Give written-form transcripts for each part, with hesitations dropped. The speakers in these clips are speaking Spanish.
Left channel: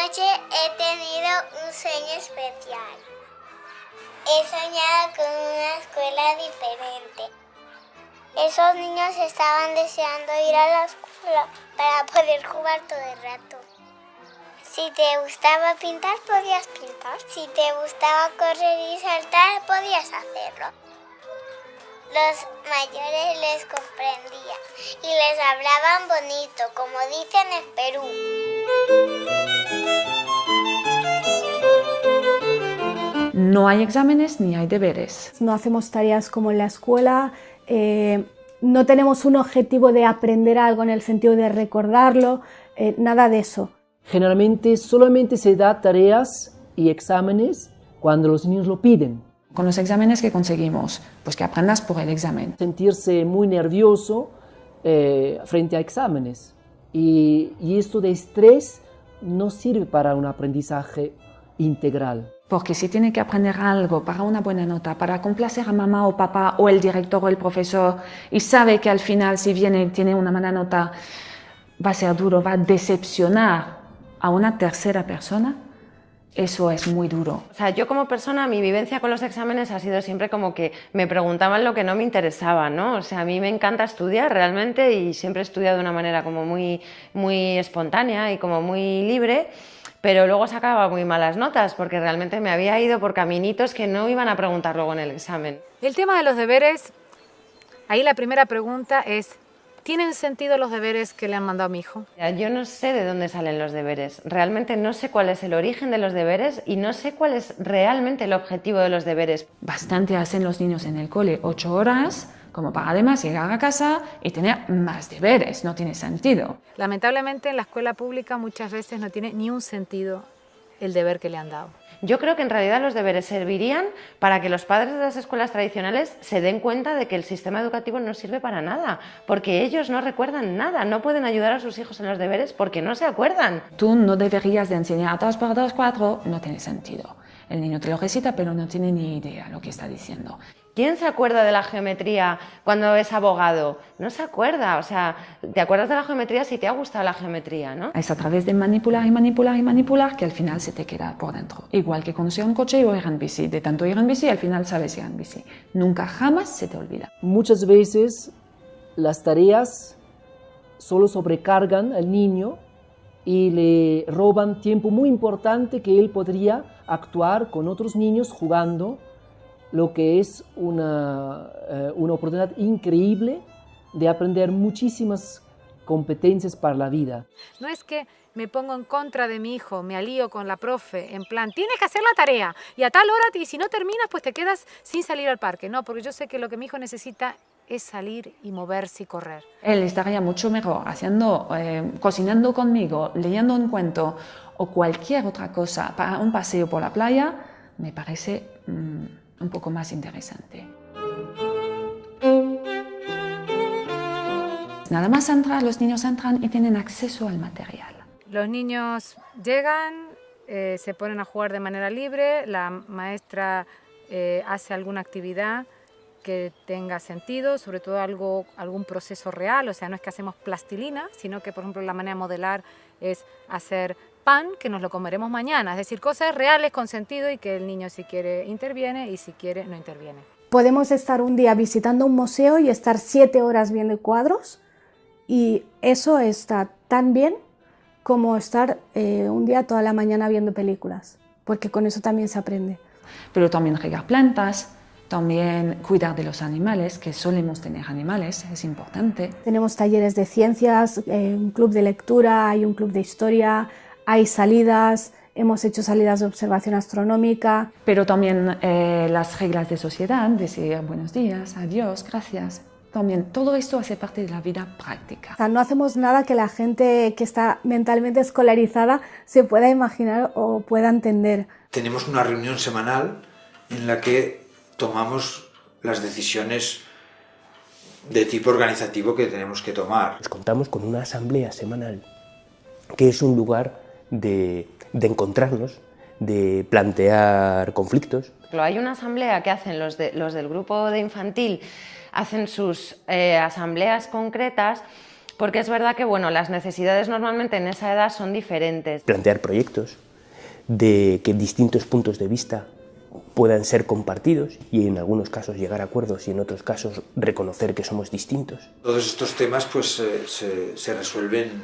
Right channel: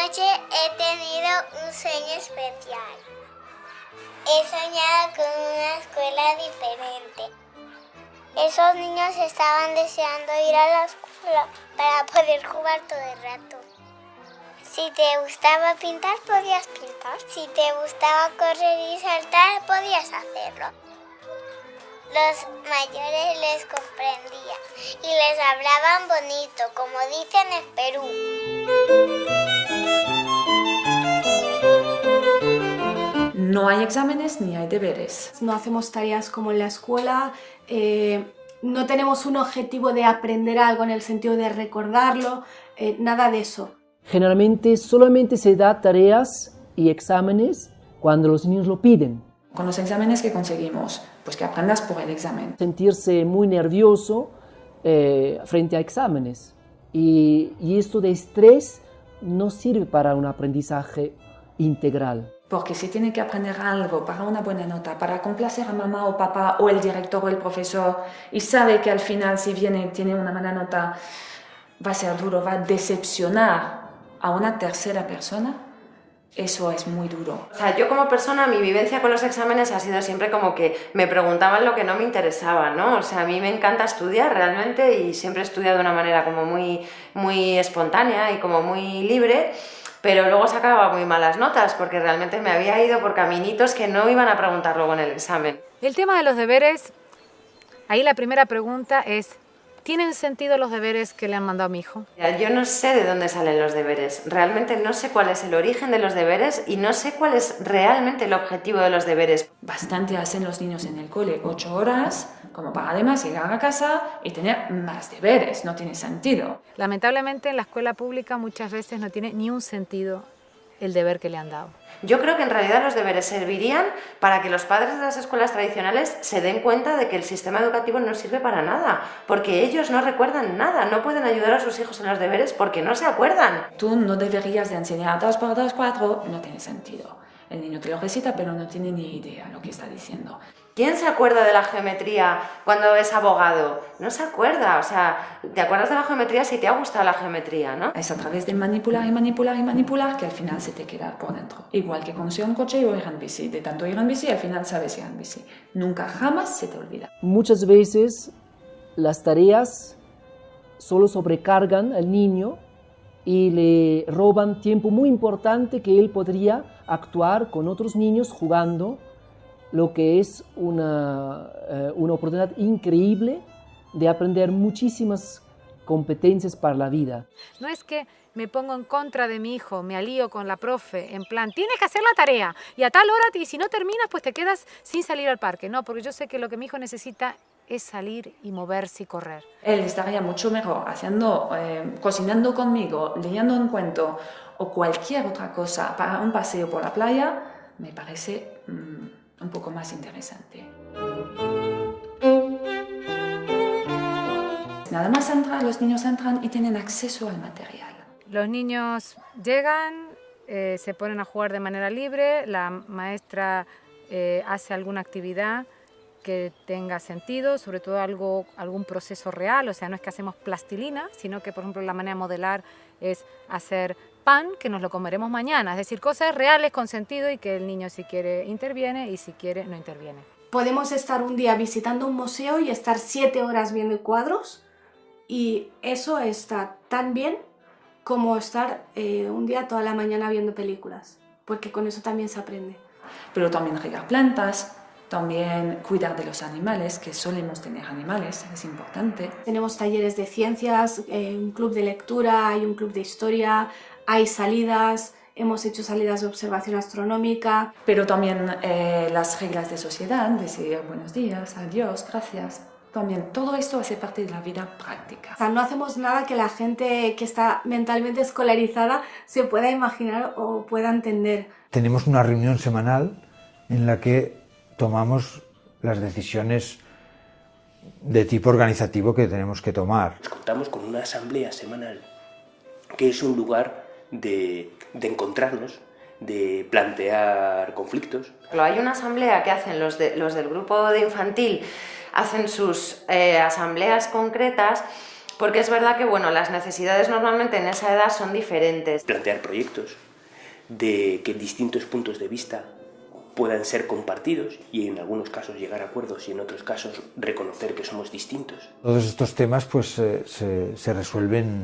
noche he tenido un sueño especial. He soñado con una escuela diferente. Esos niños estaban deseando ir a la escuela para poder jugar todo el rato. Si te gustaba pintar, podías pintar. Si te gustaba correr y saltar, podías hacerlo. Los mayores les comprendían y les hablaban bonito, como dicen en Perú. No hay exámenes ni hay deberes. No hacemos tareas como en la escuela, no tenemos un objetivo de aprender algo en el sentido de recordarlo, nada de eso. Generalmente solamente se da tareas y exámenes cuando los niños lo piden. Con los exámenes que conseguimos, pues que aprendas por el examen. Sentirse muy nervioso frente a exámenes. Y esto de estrés no sirve para un aprendizaje integral. Porque si tiene que aprender algo para una buena nota, para complacer a mamá o papá o el director o el profesor, y sabe que al final si tiene una mala nota, va a ser duro, va a decepcionar a una tercera persona, eso es muy duro. O sea, yo como persona, mi vivencia con los exámenes ha sido siempre como que me preguntaban lo que no me interesaba, ¿no? O sea, a mí me encanta estudiar realmente y siempre he estudiado de una manera como muy espontánea y como muy libre, pero luego sacaba muy malas notas porque realmente me había ido por caminitos que no iban a preguntar luego en el examen. El tema de los deberes, ahí la primera pregunta es, ¿tienen sentido los deberes que le han mandado a mi hijo? Yo no sé de dónde salen los deberes, realmente no sé cuál es el origen de los deberes y no sé cuál es realmente el objetivo de los deberes. Bastante hacen los niños en el cole, 8 horas, como para además llegar a casa y tener más deberes, no tiene sentido. Lamentablemente en la escuela pública muchas veces no tiene ni un sentido el deber que le han dado. Yo creo que en realidad los deberes servirían para que los padres de las escuelas tradicionales se den cuenta de que el sistema educativo no sirve para nada, porque ellos no recuerdan nada, no pueden ayudar a sus hijos en los deberes porque no se acuerdan. Tú no deberías de enseñar 2 por 2, 4, no tiene sentido. El niño te lo recita pero no tiene ni idea lo que está diciendo. ¿Quién se acuerda de la geometría cuando es abogado? No se acuerda, o sea, te acuerdas de la geometría si te ha gustado la geometría, ¿no? Es a través de manipular y manipular y manipular que al final se te queda por dentro. Igual que conducir un coche o ir en bici. De tanto ir en bici, al final sabes ir en bici. Nunca jamás se te olvida. Muchas veces las tareas solo sobrecargan al niño y le roban tiempo muy importante que él podría actuar con otros niños jugando, lo que es una oportunidad increíble de aprender muchísimas competencias para la vida. No es que me pongo en contra de mi hijo, me alío con la profe, en plan, tienes que hacer la tarea y a tal hora, y si no terminas, pues te quedas sin salir al parque. No, porque yo sé que lo que mi hijo necesita es salir y moverse y correr. Él estaría mucho mejor cocinando conmigo, leyendo un cuento o cualquier otra cosa para un paseo por la playa, me parece un poco más interesante. Nada más entrar, los niños entran y tienen acceso al material. Los niños llegan, se ponen a jugar de manera libre, la maestra hace alguna actividad que tenga sentido, sobre todo algún proceso real, o sea, no es que hacemos plastilina, sino que, por ejemplo, la manera de modelar es hacer pan que nos lo comeremos mañana, es decir, cosas reales con sentido y que el niño si quiere interviene y si quiere no interviene. Podemos estar un día visitando un museo y estar 7 horas viendo cuadros y eso está tan bien como estar un día toda la mañana viendo películas, porque con eso también se aprende. Pero también regar plantas, también cuidar de los animales, que solemos tener animales, es importante. Tenemos talleres de ciencias, un club de lectura, hay un club de historia, hay salidas, hemos hecho salidas de observación astronómica. Pero también las reglas de sociedad, decir buenos días, adiós, gracias. También todo esto hace parte de la vida práctica. O sea, no hacemos nada que la gente que está mentalmente escolarizada se pueda imaginar o pueda entender. Tenemos una reunión semanal en la que tomamos las decisiones de tipo organizativo que tenemos que tomar. Pues contamos con una asamblea semanal, que es un lugar de encontrarnos, de plantear conflictos. Hay una asamblea que hacen los del grupo de infantil, hacen sus asambleas concretas porque es verdad que bueno, las necesidades normalmente en esa edad son diferentes. Plantear proyectos de que distintos puntos de vista puedan ser compartidos y en algunos casos llegar a acuerdos y en otros casos reconocer que somos distintos. Todos estos temas pues se resuelven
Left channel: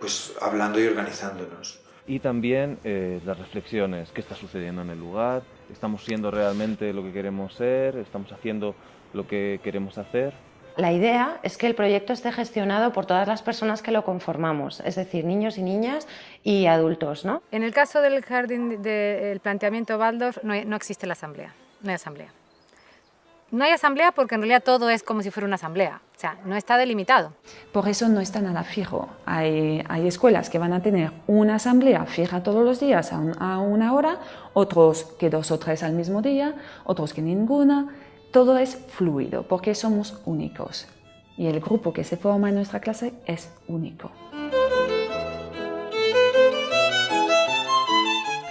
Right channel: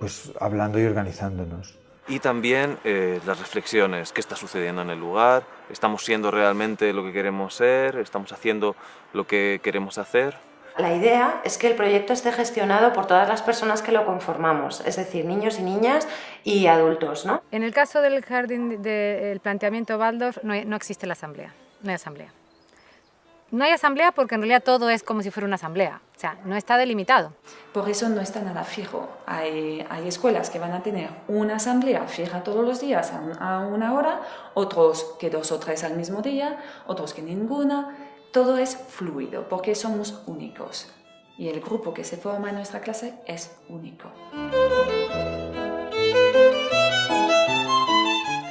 pues hablando y organizándonos. Y también las reflexiones, qué está sucediendo en el lugar, estamos siendo realmente lo que queremos ser, estamos haciendo lo que queremos hacer. La idea es que el proyecto esté gestionado por todas las personas que lo conformamos, es decir, niños y niñas y adultos, ¿no? En el caso del jardín del planteamiento Waldorf no existe la asamblea, no hay asamblea. No hay asamblea porque en realidad todo es como si fuera una asamblea, o sea, no está delimitado. Por eso no está nada fijo. Hay escuelas que van a tener una asamblea fija todos los días a una hora, otros que 2 o 3 al mismo día, otros que ninguna. Todo es fluido porque somos únicos y el grupo que se forma en nuestra clase es único.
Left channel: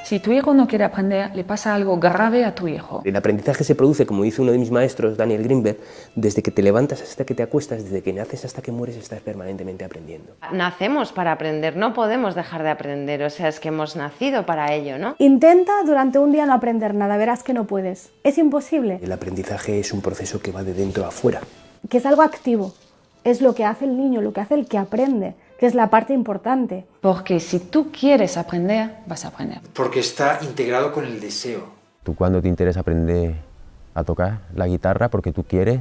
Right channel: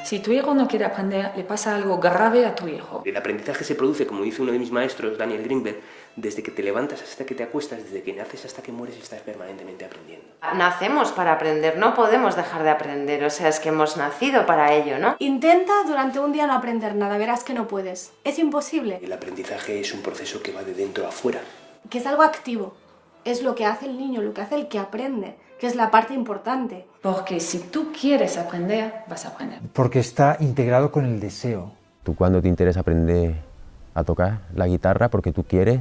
Si tu hijo no quiere aprender, le pasa algo grave a tu hijo. El aprendizaje se produce, como dice uno de mis maestros, Daniel Greenberg, desde que te levantas hasta que te acuestas, desde que naces hasta que mueres, estás permanentemente aprendiendo. Nacemos para aprender, no podemos dejar de aprender, o sea, es que hemos nacido para ello, ¿no? Intenta durante un día no aprender nada, verás que no puedes. Es imposible. El aprendizaje es un proceso que va de dentro a fuera. Que es algo activo. Es lo que hace el niño, lo que hace el que aprende, que es la parte importante. Porque si tú quieres aprender, vas a aprender. Porque está integrado con el deseo. Tú cuando te interesa aprender a tocar la guitarra porque tú quieres,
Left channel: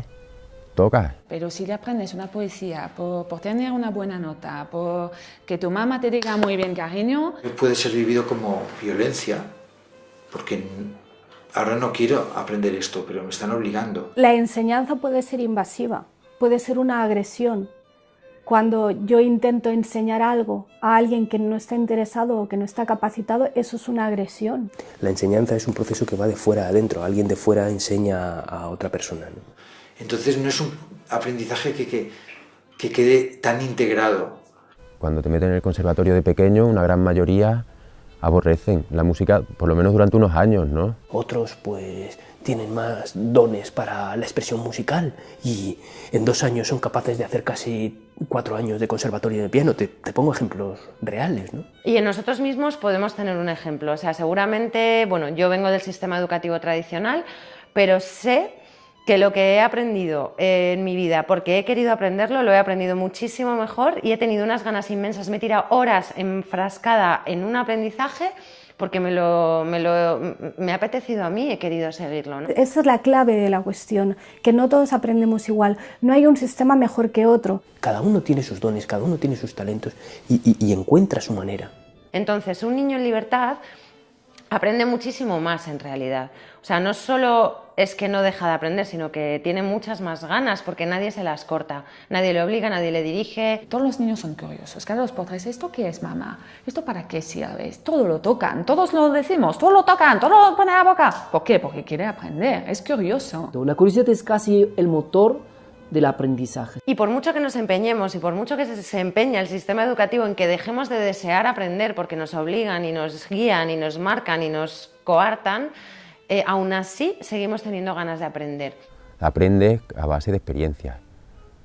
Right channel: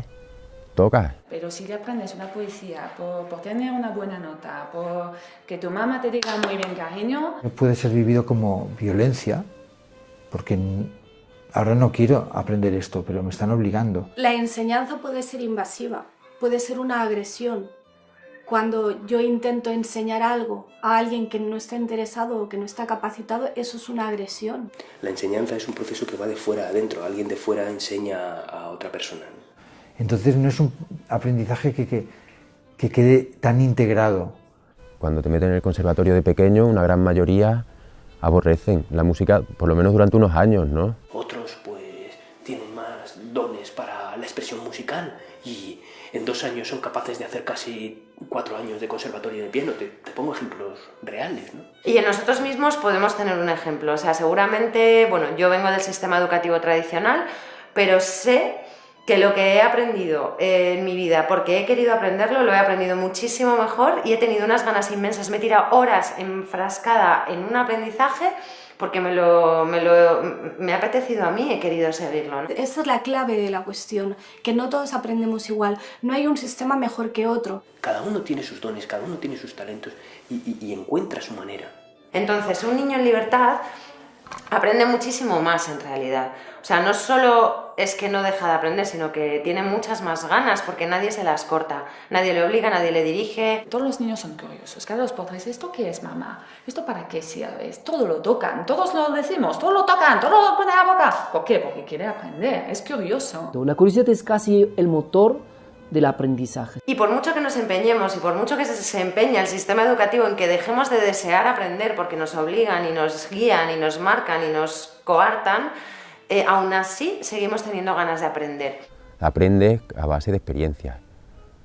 tocas. Pero si le aprendes una poesía por tener una buena nota, por que tu mamá te diga muy bien cariño... Puede ser vivido como violencia, porque ahora no quiero aprender esto, pero me están obligando. La enseñanza puede ser invasiva, puede ser una agresión. Cuando yo intento enseñar algo a alguien que no está interesado o que no está capacitado, eso es una agresión. La enseñanza es un proceso que va de fuera a adentro. Alguien de fuera enseña a otra persona, ¿no? Entonces no es un aprendizaje que quede tan integrado. Cuando te meten en el conservatorio de pequeño, una gran mayoría aborrecen la música, por lo menos durante unos años, ¿no? Otros, pues, tienen más dones para la expresión musical y en 2 años son capaces de hacer casi 4 años de conservatorio de piano. Te pongo ejemplos reales, ¿no? Y en nosotros mismos podemos tener un ejemplo, o sea, seguramente, bueno, yo vengo del sistema educativo tradicional, pero sé que lo que he aprendido en mi vida, porque he querido aprenderlo, lo he aprendido muchísimo mejor y he tenido unas ganas inmensas. Me he tirado horas enfrascada en un aprendizaje porque me ha apetecido a mí, he querido seguirlo, ¿no? Esa es la clave de la cuestión, que no todos aprendemos igual. No hay un sistema mejor que otro. Cada uno tiene sus dones, cada uno tiene sus talentos y encuentra su manera. Entonces, un niño en libertad aprende muchísimo más en realidad. O sea, no solo es que no deja de aprender, sino que tiene muchas más ganas porque nadie se las corta, nadie le obliga, nadie le dirige. Todos los niños son curiosos, cada 2 por 3, ¿esto qué es, mamá? ¿Esto para qué sirve? Todo lo tocan, todos lo decimos, todo lo tocan, todo lo ponen a la boca. ¿Por qué? Porque quiere aprender, es curioso. La curiosidad es casi el motor del aprendizaje. Y por mucho que nos empeñemos y por mucho que se empeñe el sistema educativo en que dejemos de desear aprender porque nos obligan y nos guían y nos marcan y nos coartan, aún así seguimos teniendo ganas de aprender. Aprendes a base de experiencias,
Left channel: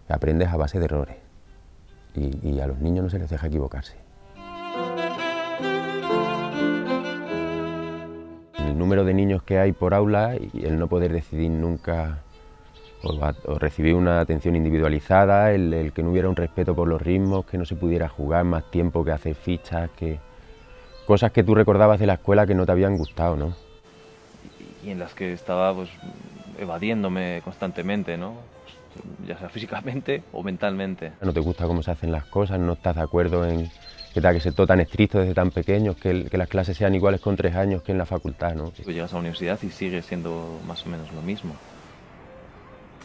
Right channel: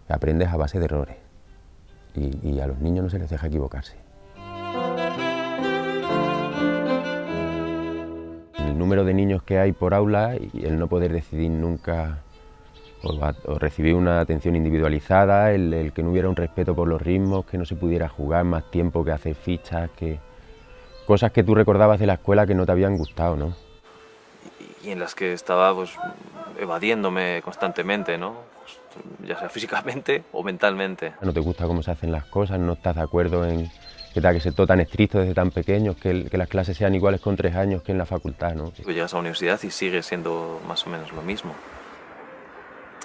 aprendes a base de errores y a los niños no se les deja equivocarse. El número de niños que hay por aula y el no poder decidir nunca o recibir una atención individualizada, el que no hubiera un respeto por los ritmos, que no se pudiera jugar más tiempo que hacer fichas, que cosas que tú recordabas de la escuela que no te habían gustado, ¿no? Y en las que estaba pues, evadiéndome constantemente, ¿no? Pues, ya sea físicamente o mentalmente. No te gusta cómo se hacen las cosas, no estás de acuerdo en que tenga que ser todo tan estricto desde tan pequeños, que las clases sean iguales con 3 años que en la facultad, ¿no? Pues llegas a la universidad y sigue siendo más o menos lo mismo.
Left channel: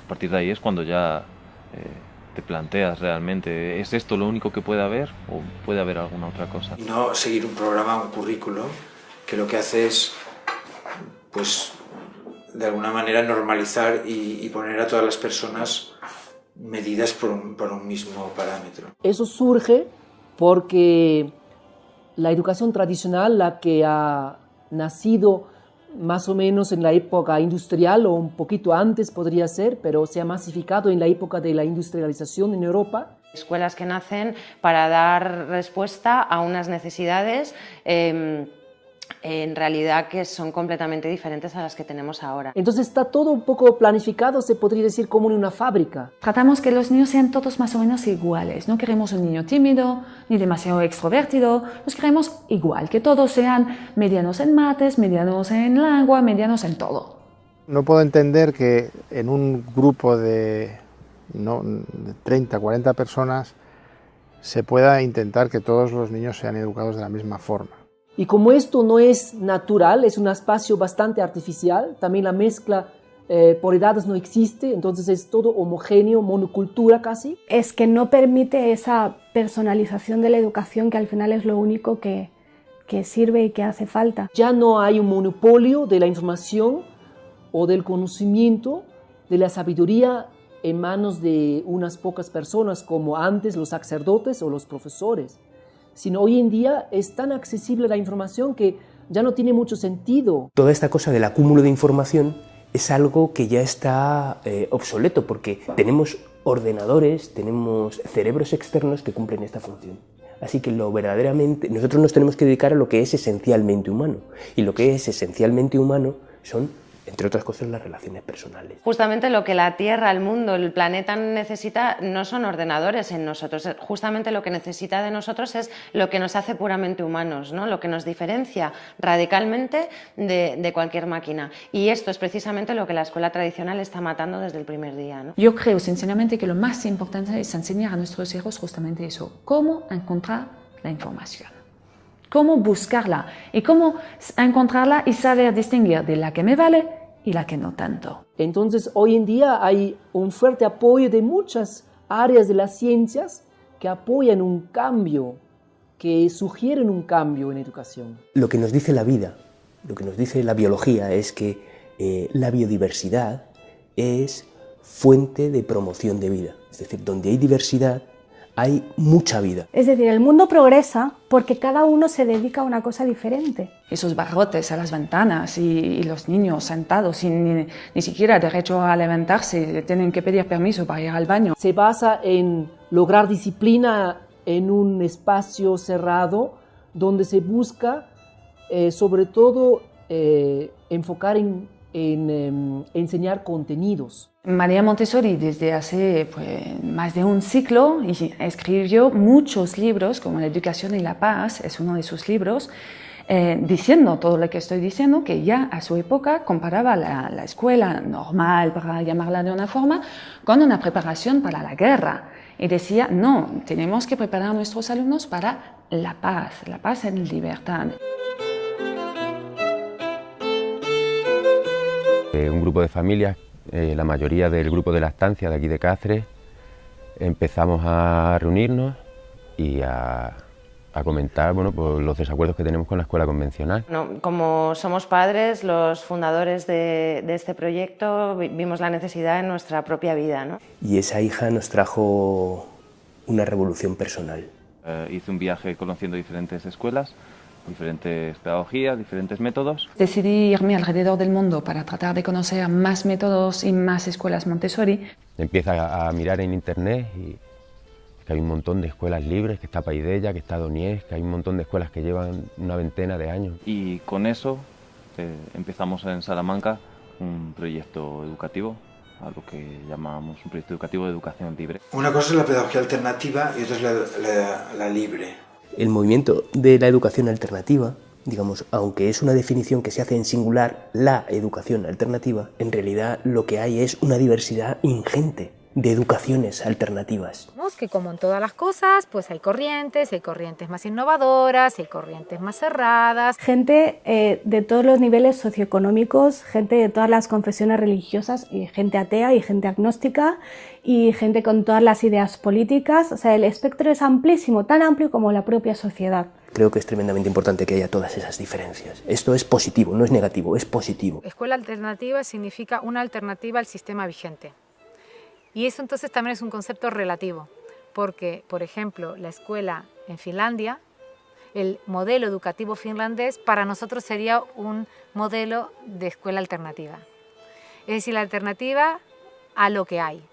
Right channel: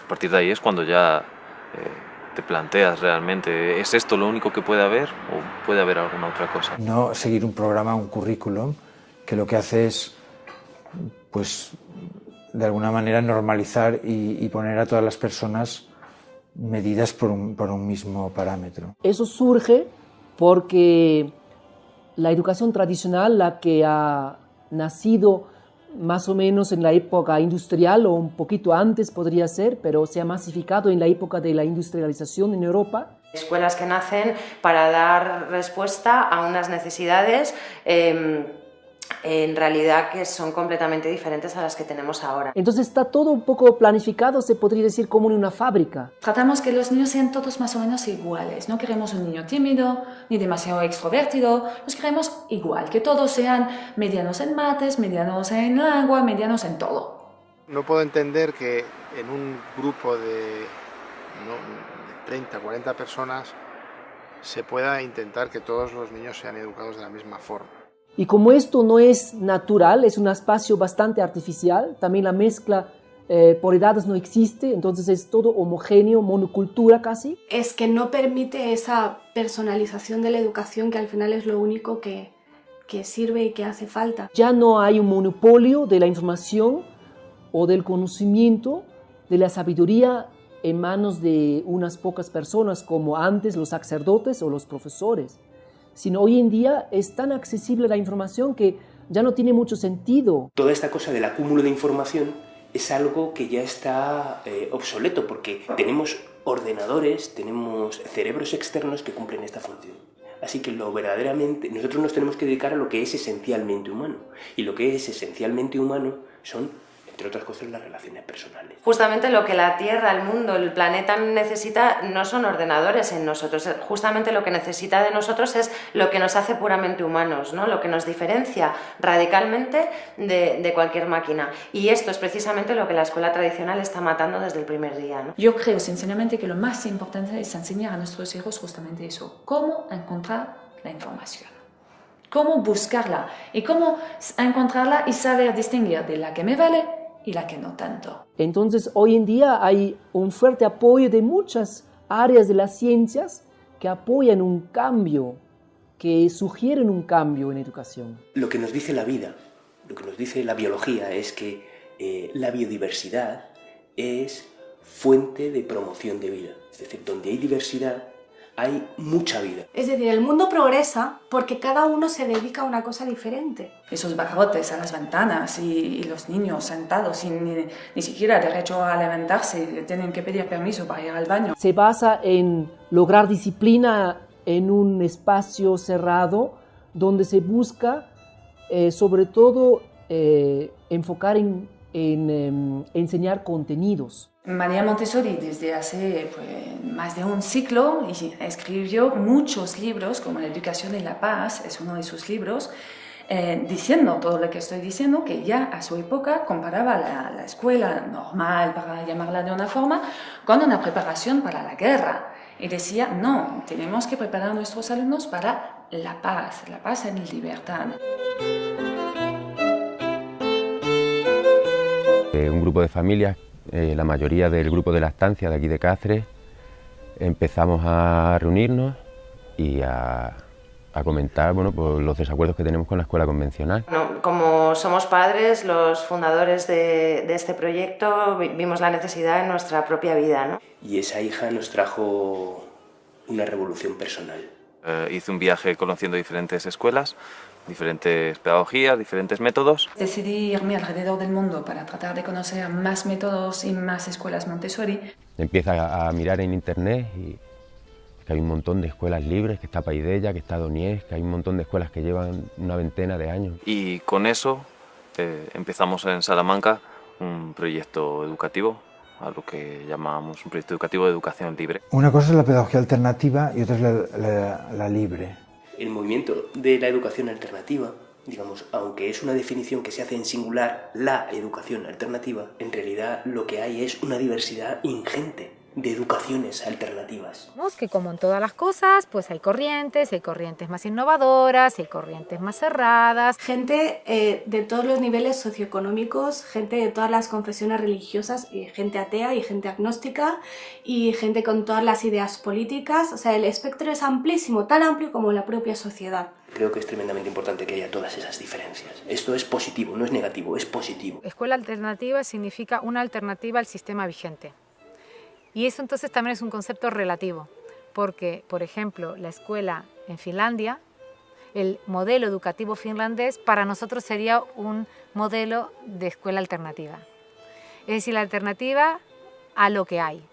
A partir de ahí es cuando ya te planteas realmente, ¿es esto lo único que puede haber o puede haber alguna otra cosa? Y no seguir un programa, un currículum, que lo que hace es, pues, de alguna manera normalizar y poner a todas las personas medidas por un mismo parámetro. Eso surge porque la educación tradicional, la que ha nacido más o menos en la época industrial o un poquito antes podría ser, pero se ha masificado en la época de la industrialización en Europa. Escuelas que nacen para dar respuesta a unas necesidades en realidad que son completamente diferentes a las que tenemos ahora. Entonces está todo un poco planificado, se podría decir, como en una fábrica. Tratamos que los niños sean todos más o menos iguales. No queremos un niño tímido ni demasiado extrovertido. Los queremos igual, que todos sean medianos en mates, medianos en agua, medianos en todo. No puedo entender que en un grupo de 30, 40 personas se pueda intentar que todos los niños sean educados de la misma forma. Y como esto no es natural, es un espacio bastante artificial, también la mezcla por edades no existe, entonces es todo homogéneo, monocultura casi. Es que no permite esa personalización de la educación que al final es lo único que sirve y que hace falta. Ya no hay un monopolio de la información o del conocimiento, de la sabiduría en manos de unas pocas personas como antes los sacerdotes o los profesores, sino hoy en día es tan accesible la información que ya no tiene mucho sentido. Toda esta cosa del acúmulo de información es algo que ya está obsoleto, porque tenemos ordenadores, tenemos cerebros externos que cumplen esta función. Así que nosotros nos tenemos que dedicar a lo que es esencialmente humano, y lo que es esencialmente humano son, entre otras cosas, las relaciones personales. Justamente lo que la Tierra, el mundo, el planeta necesita no son ordenadores en nosotros, justamente lo que necesita de nosotros es lo que nos hace puramente humanos, ¿no? Lo que nos diferencia radicalmente de cualquier máquina. Y esto es precisamente lo que la escuela tradicional está matando desde el primer día, ¿no? Yo creo sinceramente que lo más importante es enseñar a nuestros hijos justamente eso, cómo encontrar la información. Cómo buscarla y cómo encontrarla y saber distinguir de la que me vale y la que no tanto. Entonces, hoy en día hay un fuerte apoyo de muchas áreas de las ciencias que apoyan un cambio, que sugieren un cambio en educación. Lo que nos dice la vida, lo que nos dice la biología es que la biodiversidad es fuente de promoción de vida. Es decir, donde hay diversidad, hay mucha vida. Es decir, el mundo progresa porque cada uno se dedica a una cosa diferente. Esos barrotes a las ventanas y los niños sentados sin ni siquiera derecho a alimentarse, tienen que pedir permiso para ir al baño. Se basa en lograr disciplina en un espacio cerrado donde se busca sobre todo enfocar en enseñar contenidos. María Montessori desde hace más de un siglo escribió muchos libros, como La educación y la paz, es uno de sus libros, diciendo todo lo que estoy diciendo, que ya a su época comparaba la escuela normal, para llamarla de una forma, con una preparación para la guerra. Y decía, no, tenemos que preparar a nuestros alumnos para la paz en libertad. Un grupo de familias, la mayoría del grupo de lactancia de aquí de Cáceres, empezamos a reunirnos y a comentar pues, los desacuerdos que tenemos con la escuela convencional. Bueno, como somos padres, los fundadores de este proyecto, vimos la necesidad en nuestra propia vida, ¿no? Y esa hija nos trajo una revolución personal. Hice un viaje conociendo diferentes escuelas, diferentes pedagogías, diferentes métodos. Decidí irme alrededor del mundo para tratar de conocer más métodos y más escuelas Montessori. Empieza a mirar en internet y que hay un montón de escuelas libres, que está Paideia, que está Doniés, que hay un montón de escuelas que llevan una veintena de años. Y con eso empezamos en Salamanca un proyecto educativo, a lo que llamamos un proyecto educativo de educación libre. Una cosa es la pedagogía alternativa y otra es la libre. El movimiento de la educación alternativa, digamos, aunque es una definición que se hace en singular, la educación alternativa, en realidad lo que hay es una diversidad ingente de educaciones alternativas. Vemos que como en todas las cosas, pues hay corrientes más innovadoras, hay corrientes más cerradas. Gente de todos los niveles socioeconómicos, gente de todas las confesiones religiosas, y gente atea y gente agnóstica, y gente con todas las ideas políticas. O sea, el espectro es amplísimo, tan amplio como la propia sociedad. Creo que es tremendamente importante que haya todas esas diferencias. Esto es positivo, no es negativo, es positivo. Escuela alternativa significa una alternativa al sistema vigente. Y eso entonces también es un concepto relativo, porque, por ejemplo, la escuela en Finlandia el modelo educativo finlandés para nosotros sería un modelo de escuela alternativa. Es decir, la alternativa a lo que hay.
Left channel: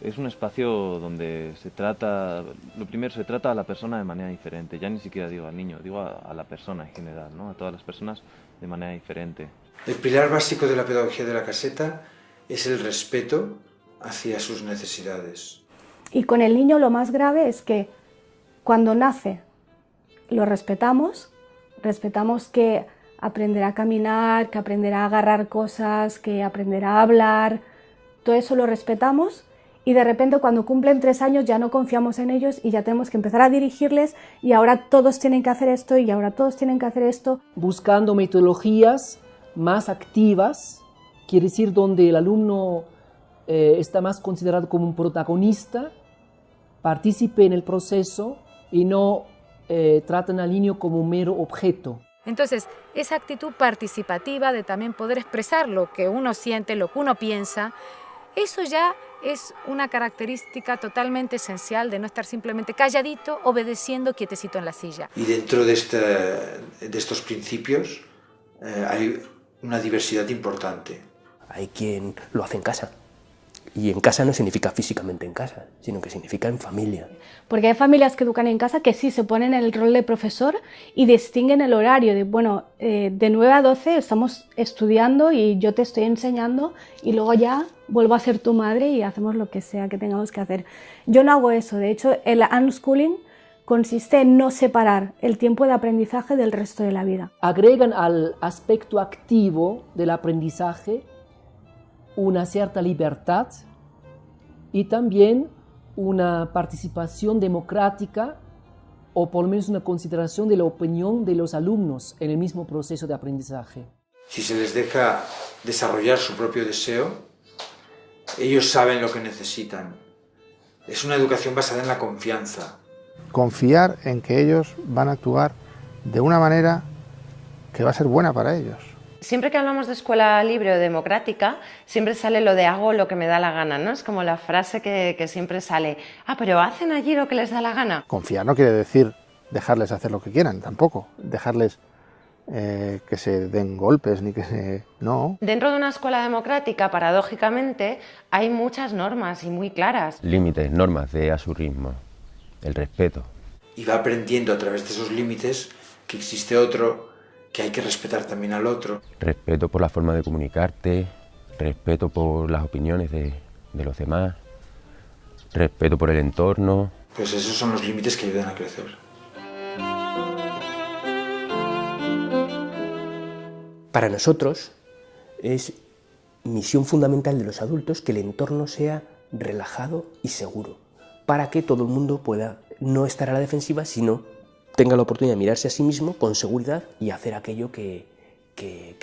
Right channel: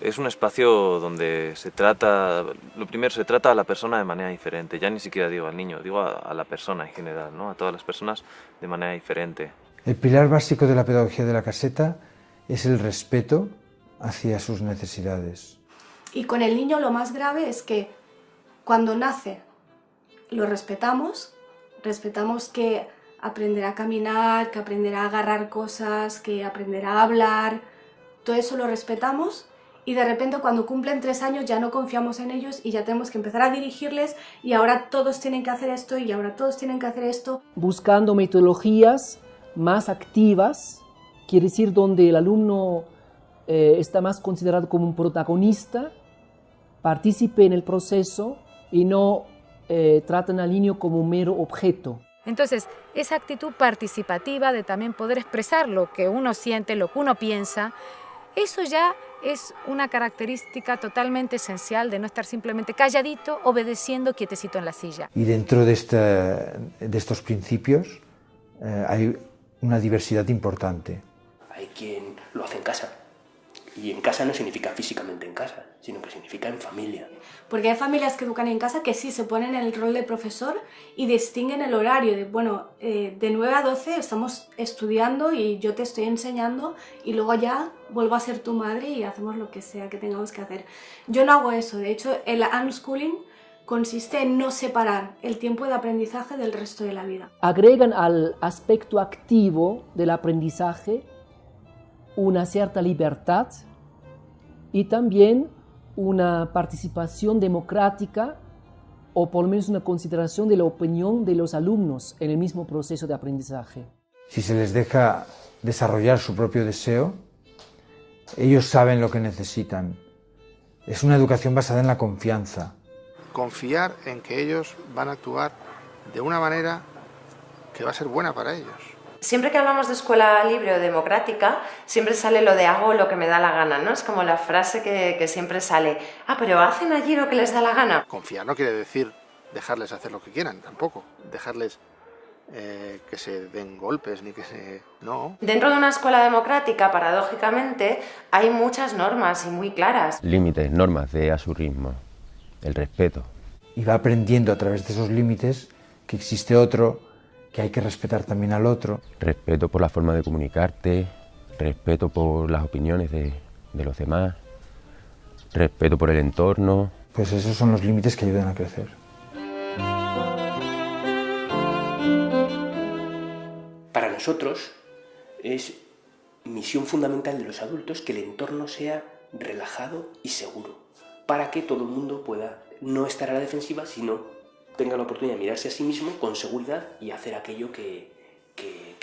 Es un espacio donde se trata, lo primero, se trata a la persona de manera diferente. Ya ni siquiera digo al niño, digo a la persona en general, ¿no? A todas las personas de manera diferente. El pilar básico de la pedagogía de la caseta es el respeto hacia sus necesidades. Y con el niño lo más grave es que cuando nace lo respetamos que aprenderá a caminar, que aprenderá a agarrar cosas, que aprenderá a hablar, todo eso lo respetamos. Y de repente cuando cumplen 3 años ya no confiamos en ellos y ya tenemos que empezar a dirigirles y ahora todos tienen que hacer esto y ahora todos tienen que hacer esto. Buscando metodologías más activas, quiere decir donde el alumno está más considerado como un protagonista, participe en el proceso y no tratan al niño como un mero objeto. Entonces, esa actitud participativa de también poder expresar lo que uno siente, lo que uno piensa, eso ya es una característica totalmente esencial de no estar simplemente calladito, obedeciendo, quietecito en la silla. Y dentro de estos principios hay una diversidad importante. Hay quien lo hace en casa. Y en casa no significa físicamente en casa, sino que significa en familia. Porque hay familias que educan en casa que sí se ponen en el rol de profesor y distinguen el horario de, bueno, de 9 a 12 estamos estudiando y yo te estoy enseñando y luego ya vuelvo a ser tu madre y hacemos lo que sea que tengamos que hacer. Yo no hago eso, de hecho el unschooling consiste en no separar el tiempo de aprendizaje del resto de la vida. Agregan al aspecto activo del aprendizaje una cierta libertad y también una participación democrática o por lo menos una consideración de la opinión de los alumnos en el mismo proceso de aprendizaje. Si se les deja desarrollar su propio deseo, ellos saben lo que necesitan. Es una educación basada en la confianza. Confiar en que ellos van a actuar de una manera que va a ser buena para ellos. Siempre que hablamos de escuela libre o democrática, siempre sale lo de hago lo que me da la gana, ¿no? Es como la frase que siempre sale, pero ¿hacen allí lo que les da la gana? Confiar no quiere decir dejarles hacer lo que quieran, tampoco. Dejarles que se den golpes, ni que se... no. Dentro de una escuela democrática, paradójicamente, hay muchas normas y muy claras. Límites, normas de a su ritmo, el respeto. Y va aprendiendo a través de esos límites que existe otro, que hay que respetar también al otro. Respeto por la forma de comunicarte, respeto por las opiniones de los demás, respeto por el entorno. Pues esos son los límites que ayudan a crecer. Para nosotros es misión fundamental de los adultos que el entorno sea relajado y seguro, para que todo el mundo pueda no estar a la defensiva, sino tenga la oportunidad de mirarse a sí mismo con seguridad y hacer aquello que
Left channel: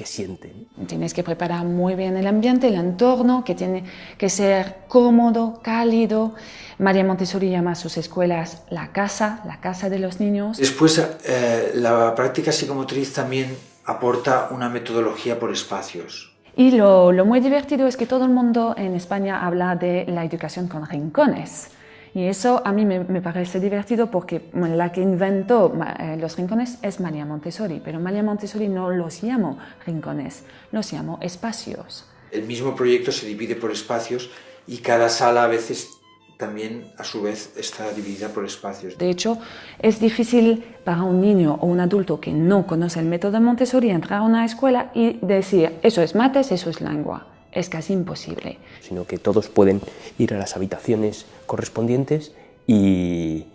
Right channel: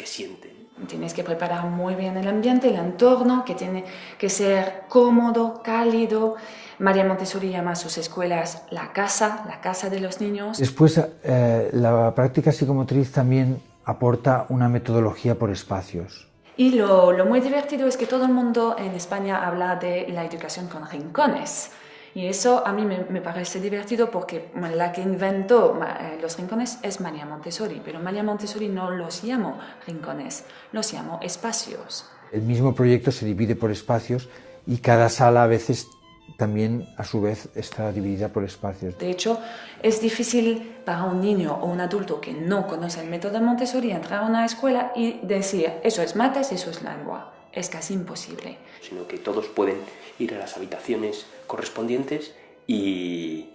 siente. Tienes que preparar muy bien el ambiente, el entorno, que tiene que ser cómodo, cálido. María Montessori llama a sus escuelas la casa de los niños. Después, la práctica psicomotriz también aporta una metodología por espacios. Y lo muy divertido es que todo el mundo en España habla de la educación con rincones. Y eso a mí me parece divertido porque la que inventó los rincones es María Montessori, pero María Montessori no los llamó rincones, los llamó espacios. El mismo proyecto se divide por espacios y cada sala a veces también a su vez está dividida por espacios. De hecho, es difícil para un niño o un adulto que no conoce el método Montessori entrar a una escuela y decir eso es mates, eso es lengua. Es casi imposible. Sino que todos pueden ir a las habitaciones correspondientes y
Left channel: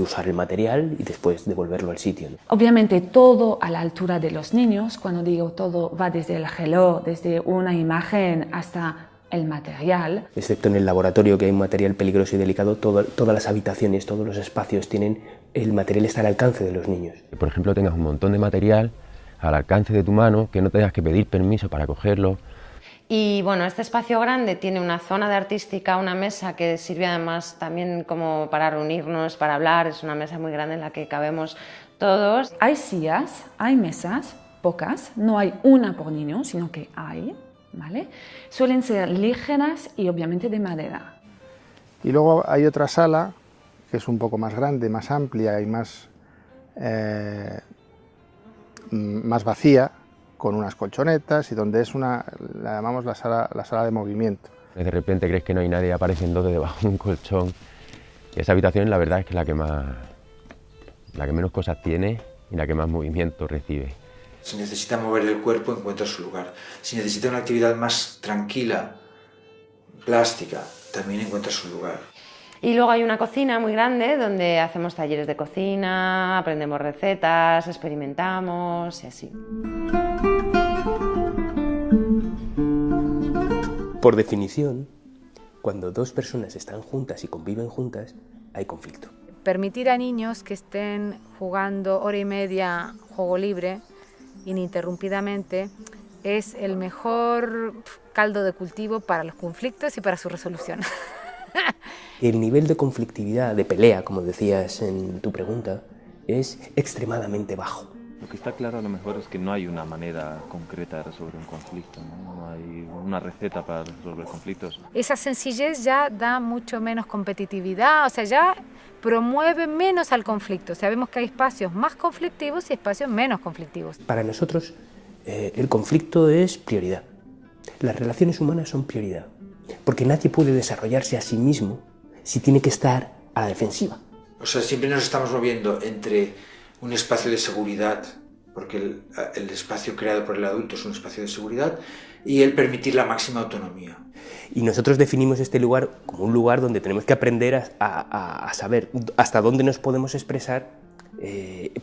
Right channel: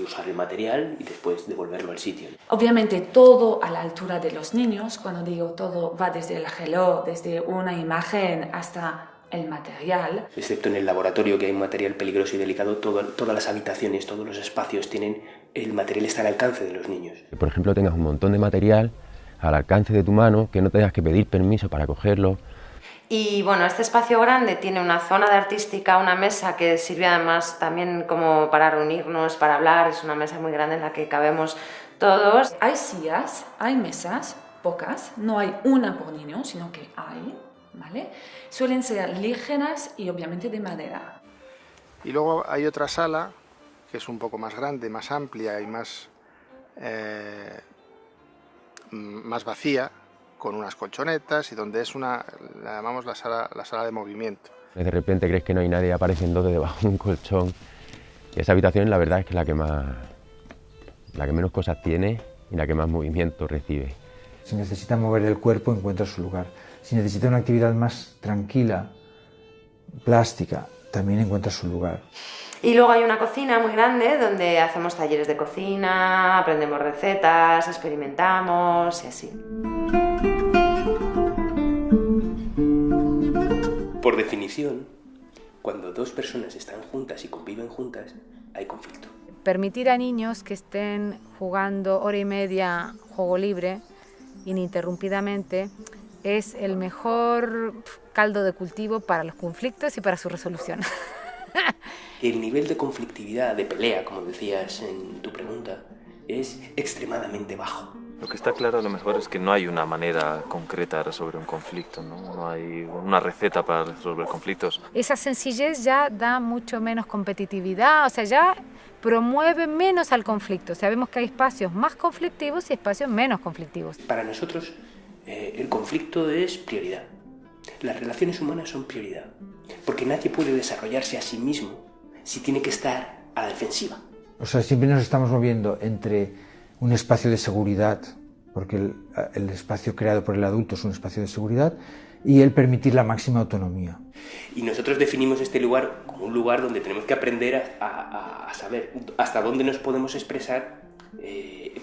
usar el material y después devolverlo al sitio. Obviamente todo a la altura de los niños. Cuando digo todo va desde el reloj, desde una imagen hasta el material. Excepto en el laboratorio, que hay un material peligroso y delicado, todas las habitaciones, todos los espacios el material está al alcance de los niños. Que, por ejemplo, tengas un montón de material al alcance de tu mano, que no tengas que pedir permiso para cogerlo. Y bueno, este espacio grande tiene una zona de artística, una mesa que sirve además también como para reunirnos, para hablar. Es una mesa muy grande en la que cabemos todos. Hay sillas, hay mesas, pocas, no hay una por niño, sino que hay, ¿vale? Suelen ser ligeras y obviamente de madera. Y luego hay otra sala que es un poco más grande, más amplia y más más vacía, con unas colchonetas y donde es la llamamos la sala de movimiento. De repente crees que no hay nadie y aparecen dos debajo de un colchón. Y esa habitación la verdad es que la que menos cosas tiene y la que más movimiento recibe. Si necesita mover el cuerpo, encuentra su lugar. Si necesita una actividad más tranquila, plástica, también encuentra su lugar. Y luego hay una cocina muy grande donde hacemos talleres de cocina, aprendemos recetas, experimentamos y así. Por definición, cuando dos personas están juntas y conviven juntas, hay conflicto. Permitir a niños que estén jugando hora y media juego libre, ininterrumpidamente, es el mejor caldo de cultivo para los conflictos y para su resolución. El nivel de conflictividad, de pelea, como decías en tu pregunta, es extremadamente bajo. Lo que está claro a lo mejor es que no hay una manera concreta de resolver un conflicto, no hay una receta para resolver conflictos. Esa sencillez ya da mucho menos competitividad, o sea, ya promueve menos al conflicto. Sabemos que hay espacios más conflictivos y espacios menos conflictivos. Para nosotros, el conflicto es prioridad. Las relaciones humanas son prioridad, porque nadie puede desarrollarse a sí mismo si tiene que estar a la defensiva. O sea, siempre nos estamos moviendo entre un espacio de seguridad, porque el espacio creado por el adulto es un espacio de seguridad, y el permitir la máxima autonomía. Y nosotros definimos este lugar como un lugar donde tenemos que aprender a saber hasta dónde nos podemos expresar,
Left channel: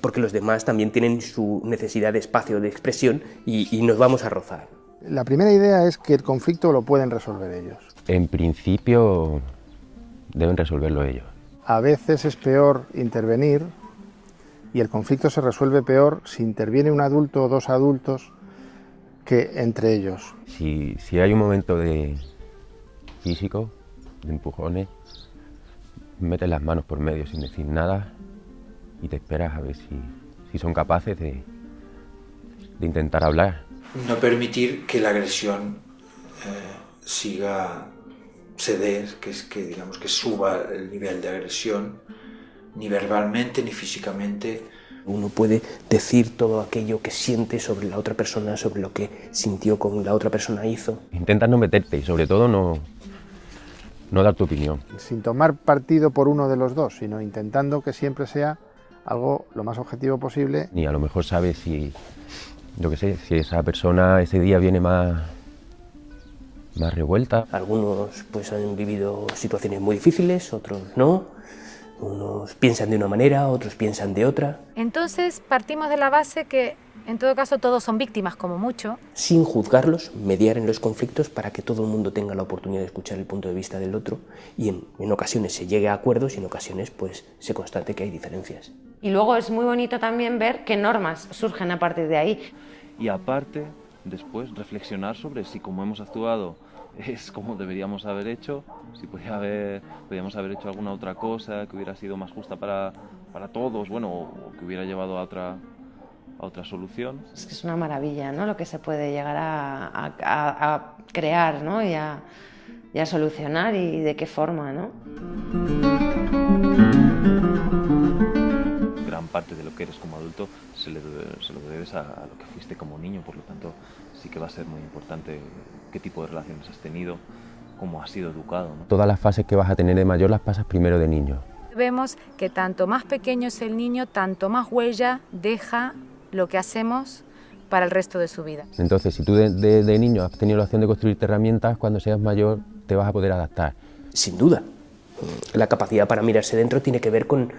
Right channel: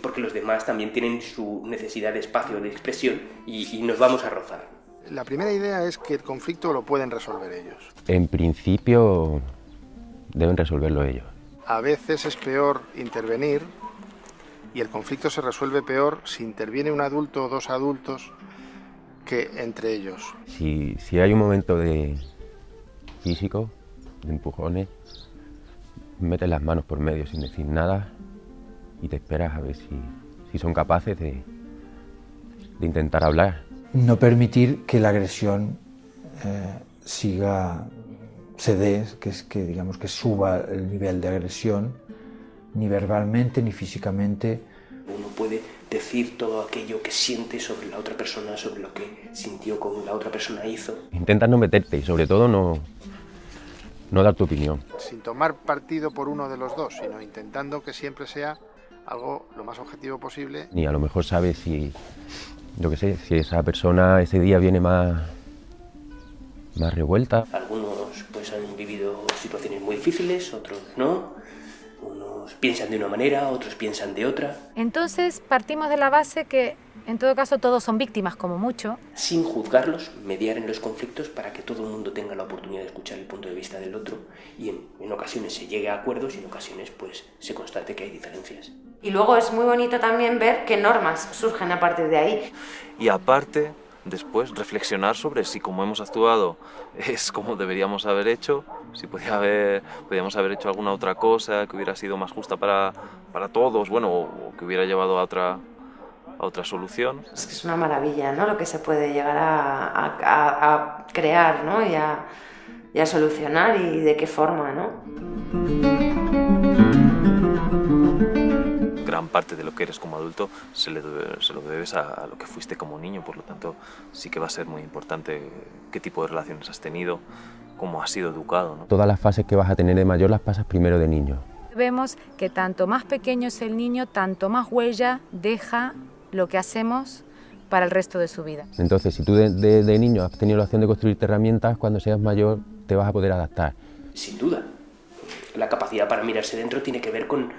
porque los demás también tienen su necesidad de espacio de expresión y nos vamos a rozar. La primera idea es que el conflicto lo pueden resolver ellos. En principio deben resolverlo ellos. A veces es peor intervenir y el conflicto se resuelve peor si interviene un adulto o dos adultos que entre ellos. Si hay un momento de físico, de empujones, metes las manos por medio sin decir nada y te esperas a ver si son capaces de intentar hablar. No permitir que la agresión siga ceder, digamos que suba el nivel de agresión, ni verbalmente ni físicamente. Uno puede decir todo aquello que siente sobre la otra persona, sobre lo que sintió con la otra persona hizo. Intentas no meterte y sobre todo no dar tu opinión. Sin tomar partido por uno de los dos, sino intentando que siempre sea algo lo más objetivo posible. Ni a lo mejor sabes si esa persona ese día viene más revuelta. Algunos pues han vivido situaciones muy difíciles, otros no. Unos piensan de una manera, otros piensan de otra. Entonces partimos de la base que en todo caso todos son víctimas como mucho. Sin juzgarlos, mediar en los conflictos para que todo el mundo tenga la oportunidad de escuchar el punto de vista del otro y en ocasiones se llegue a acuerdos y en ocasiones pues se constate que hay diferencias. Y luego es muy bonito también ver qué normas surgen a partir de ahí. Y aparte, después reflexionar sobre si como hemos actuado es como deberíamos haber hecho, si podíamos haber hecho alguna otra cosa que hubiera sido más justa para todos, bueno, o que hubiera llevado a otra solución. Es que es una maravilla, ¿no? Lo que se puede llegar a crear, ¿no? y a solucionar y de qué forma, ¿no? Gran parte de lo que eres como adulto se lo debes a lo que fuiste como niño, por lo tanto sí que va a ser muy importante qué tipo de relaciones has tenido, cómo has sido educado, ¿no? Todas las fases que vas a tener de mayor las pasas primero de niño. Vemos que tanto más pequeño es el niño, tanto más huella deja lo que hacemos para el resto de su vida. Entonces, si tú de niño has tenido la opción de construirte herramientas, cuando seas mayor te vas a poder adaptar. Sin duda. La capacidad para mirarse dentro tiene que ver con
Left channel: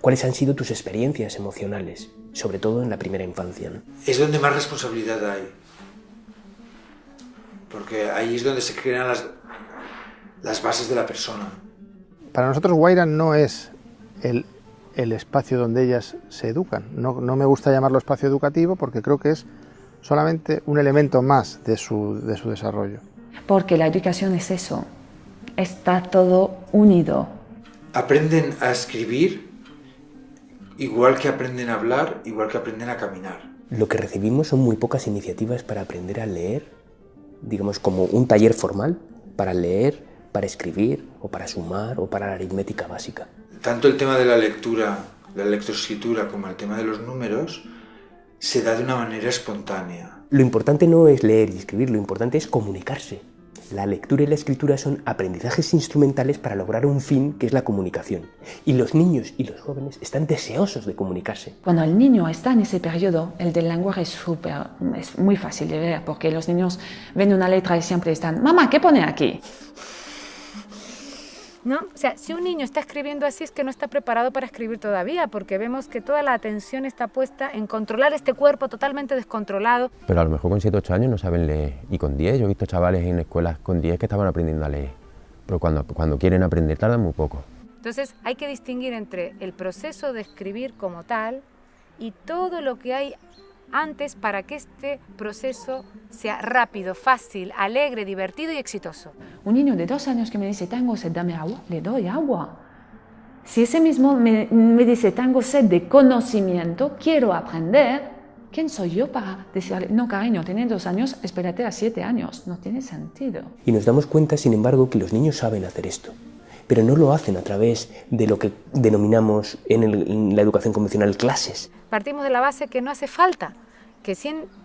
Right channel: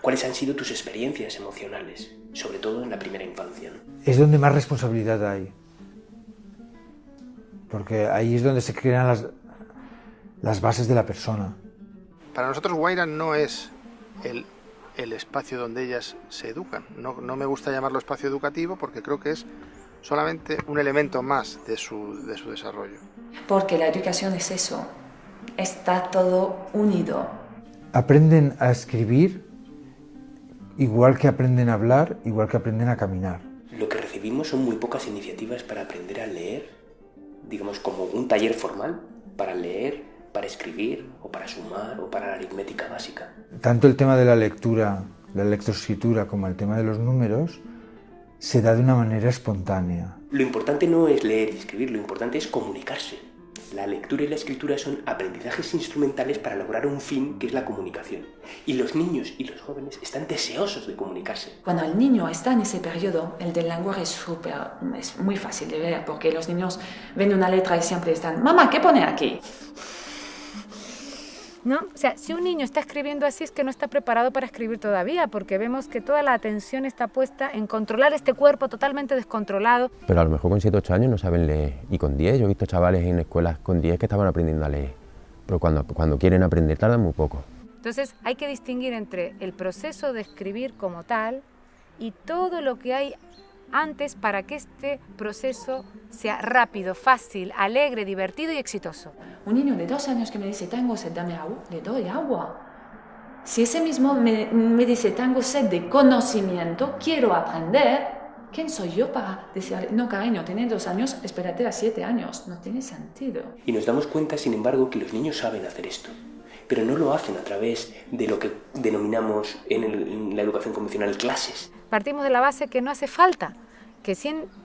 cuáles han sido tus experiencias emocionales, sobre todo en la primera infancia, ¿no? Es donde más responsabilidad hay, porque ahí es donde se crean las bases de la persona. Para nosotros Guaira no es el espacio donde ellas se educan. No me gusta llamarlo espacio educativo porque creo que es solamente un elemento más de su desarrollo. Porque la educación es eso, está todo unido. Aprenden a escribir igual que aprenden a hablar, igual que aprenden a caminar. Lo que recibimos son muy pocas iniciativas para aprender a leer, digamos como un taller formal para leer, para escribir o para sumar o para la aritmética básica. Tanto el tema de la lectura la lectoescritura como el tema de los números, se da de una manera espontánea. Lo importante no es leer y escribir, lo importante es comunicarse. La lectura y la escritura son aprendizajes instrumentales para lograr un fin que es la comunicación. Y los niños y los jóvenes están deseosos de comunicarse. Cuando el niño está en ese periodo, el del lenguaje es muy fácil de ver, porque los niños ven una letra y siempre están, mamá, ¿qué pone aquí? ¿No? O sea, si un niño está escribiendo así es que no está preparado para escribir todavía, porque vemos que toda la atención está puesta en controlar este cuerpo totalmente descontrolado. Pero a lo mejor con 7 o 8 años no saben leer. Y con 10, yo he visto chavales en escuelas con 10 que estaban aprendiendo a leer. Pero cuando quieren aprender tardan muy poco. Entonces hay que distinguir entre el proceso de escribir como tal y todo lo que hay antes para que este proceso sea rápido, fácil, alegre, divertido y exitoso. Un niño de 2 años que me dice, tengo sed, dame agua, le doy agua. Si ese mismo me dice, tengo sed de conocimiento, quiero aprender, ¿quién soy yo para decirle, no cariño, tienes 2 años, espérate a 7 años? No tiene sentido. Y nos damos cuenta, sin embargo, que los niños saben hacer esto, pero no lo hacen a través de lo que denominamos en la educación convencional clases. Partimos de la base que no hace falta, que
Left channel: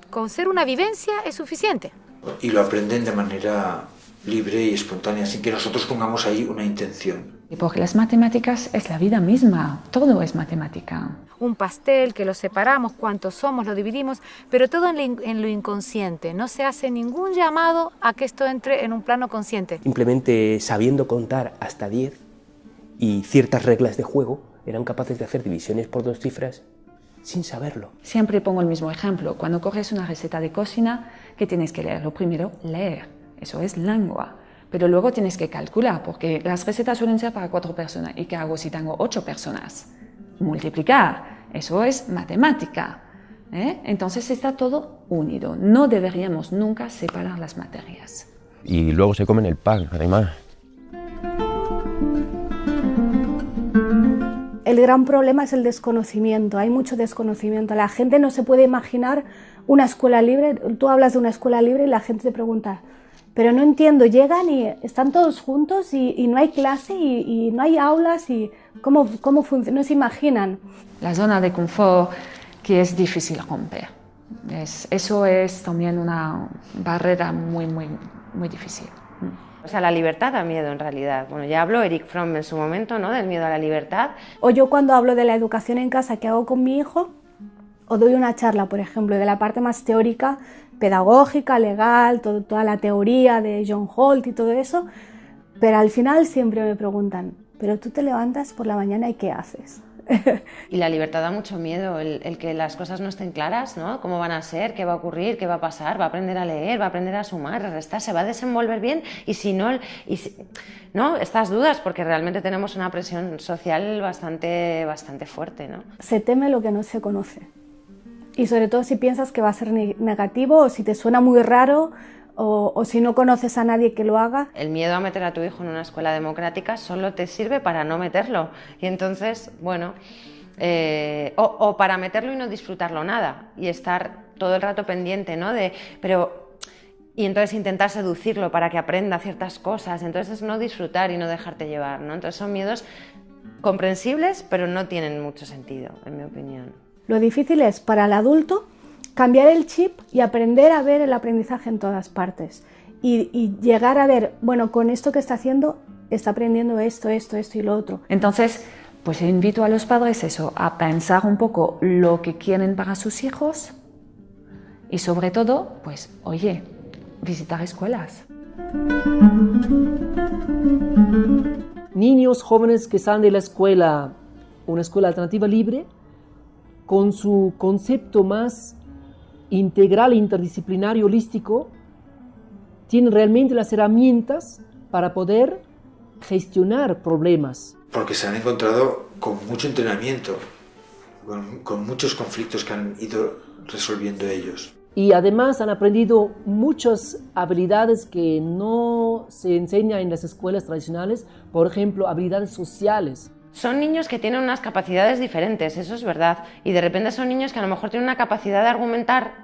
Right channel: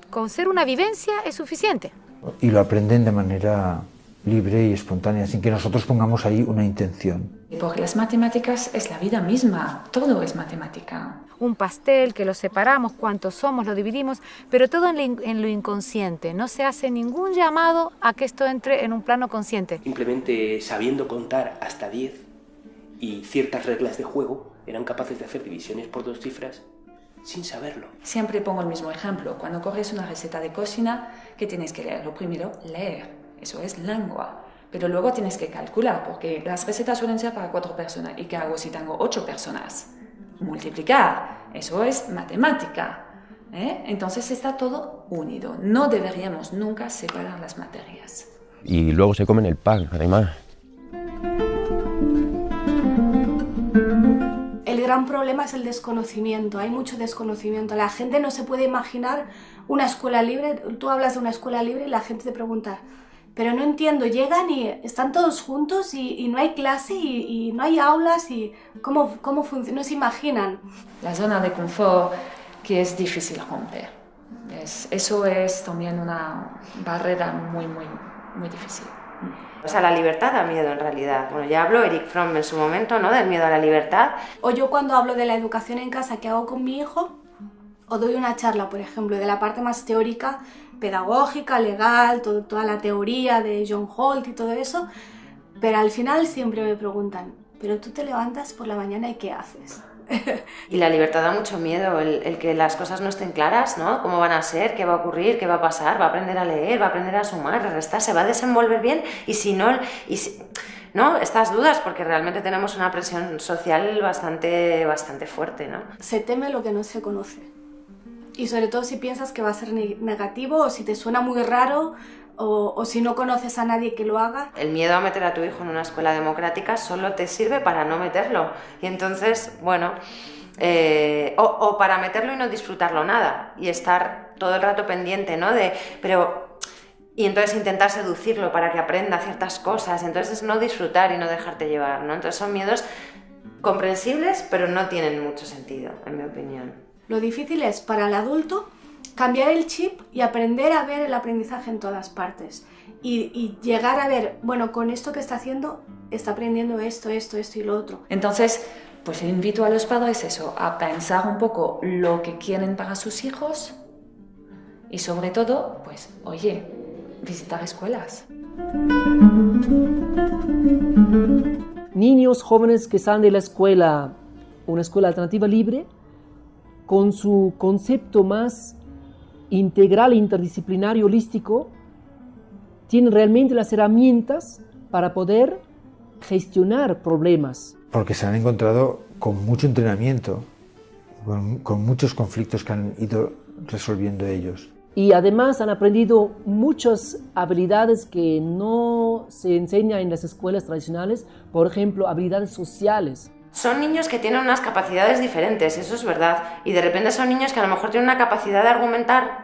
con ser una vivencia es suficiente. Y lo aprenden de manera libre y espontánea, sin que nosotros pongamos ahí una intención. Porque las matemáticas es la vida misma, todo es matemática. Un pastel que lo separamos, cuántos somos, lo dividimos, pero todo en lo inconsciente. No se hace ningún llamado a que esto entre en un plano consciente. Simplemente sabiendo contar hasta 10 y ciertas reglas de juego, eran capaces de hacer divisiones por 2 cifras sin saberlo. Siempre pongo el mismo ejemplo. Cuando coges una receta de cocina, ¿qué tienes que leer? Lo primero, leer. Eso es lengua. Pero luego tienes que calcular, porque las recetas suelen ser para 4 personas. ¿Y qué hago si tengo 8 personas? Multiplicar. Eso es matemática. Entonces está todo unido. No deberíamos nunca separar las materias. Y luego se comen el pan, además. El gran problema es el desconocimiento, hay mucho desconocimiento. La gente no se puede imaginar una escuela libre. Tú hablas de una escuela libre y la gente te pregunta, pero no entiendo, llegan y están todos juntos y no hay clase y no hay aulas y ¿cómo funciona? No se imaginan. La zona de confort que es difícil romper. Eso es también una barrera muy, muy, muy difícil. O sea, la libertad da miedo en realidad. Bueno, ya habló Erich Fromm en su momento, ¿no?, del miedo a la libertad. O yo cuando hablo de la educación en casa que hago con mi hijo, o doy una charla, por ejemplo, de la parte más teórica, pedagógica, legal, toda la teoría de John Holt y todo eso, pero al final siempre me preguntan, ¿pero tú te levantas por la mañana y qué haces? Y la libertad da mucho miedo, el que las cosas no estén claras, ¿no? ¿Cómo van a ser? ¿Qué va a ocurrir? ¿Qué va a pasar? ¿Va a aprender a leer? ¿Va a aprender a sumar? ¿A restar? ¿Se va a desenvolver bien? Y si no, ¿no? Estas dudas, porque realmente tenemos una presión social bastante fuerte, ¿no? Se teme lo que no se conoce. Y sobre todo si piensas que va a ser negativo o si te suena muy raro o si no conoces a nadie que lo haga. El miedo a meter a tu hijo en una escuela democrática solo te sirve para no meterlo. Y entonces, bueno, o para meterlo y no disfrutarlo nada. Y estar todo el rato pendiente, ¿no? Y entonces intentar seducirlo para que aprenda ciertas cosas. Entonces es no disfrutar y no dejarte llevar, ¿no? Entonces son miedos comprensibles, pero no tienen mucho sentido, en mi opinión. Lo difícil es para el adulto cambiar el chip y aprender a ver el aprendizaje en todas partes. Y llegar a ver, bueno, con esto que está haciendo, está aprendiendo esto y lo otro. Entonces, pues invito a los padres a pensar un poco lo que quieren para sus hijos y sobre todo, pues, oye, visitar escuelas. Niños jóvenes que salen de la escuela, una escuela alternativa libre, con su concepto más integral, interdisciplinario, holístico, tienen realmente las herramientas para poder gestionar problemas. Porque se han encontrado con mucho entrenamiento, con muchos conflictos que han ido resolviendo ellos. Y además han aprendido muchas habilidades que no se enseñan en las escuelas tradicionales, por ejemplo, habilidades sociales. Son niños que tienen unas capacidades diferentes, eso es verdad, y de repente son niños que a lo mejor tienen una capacidad de argumentar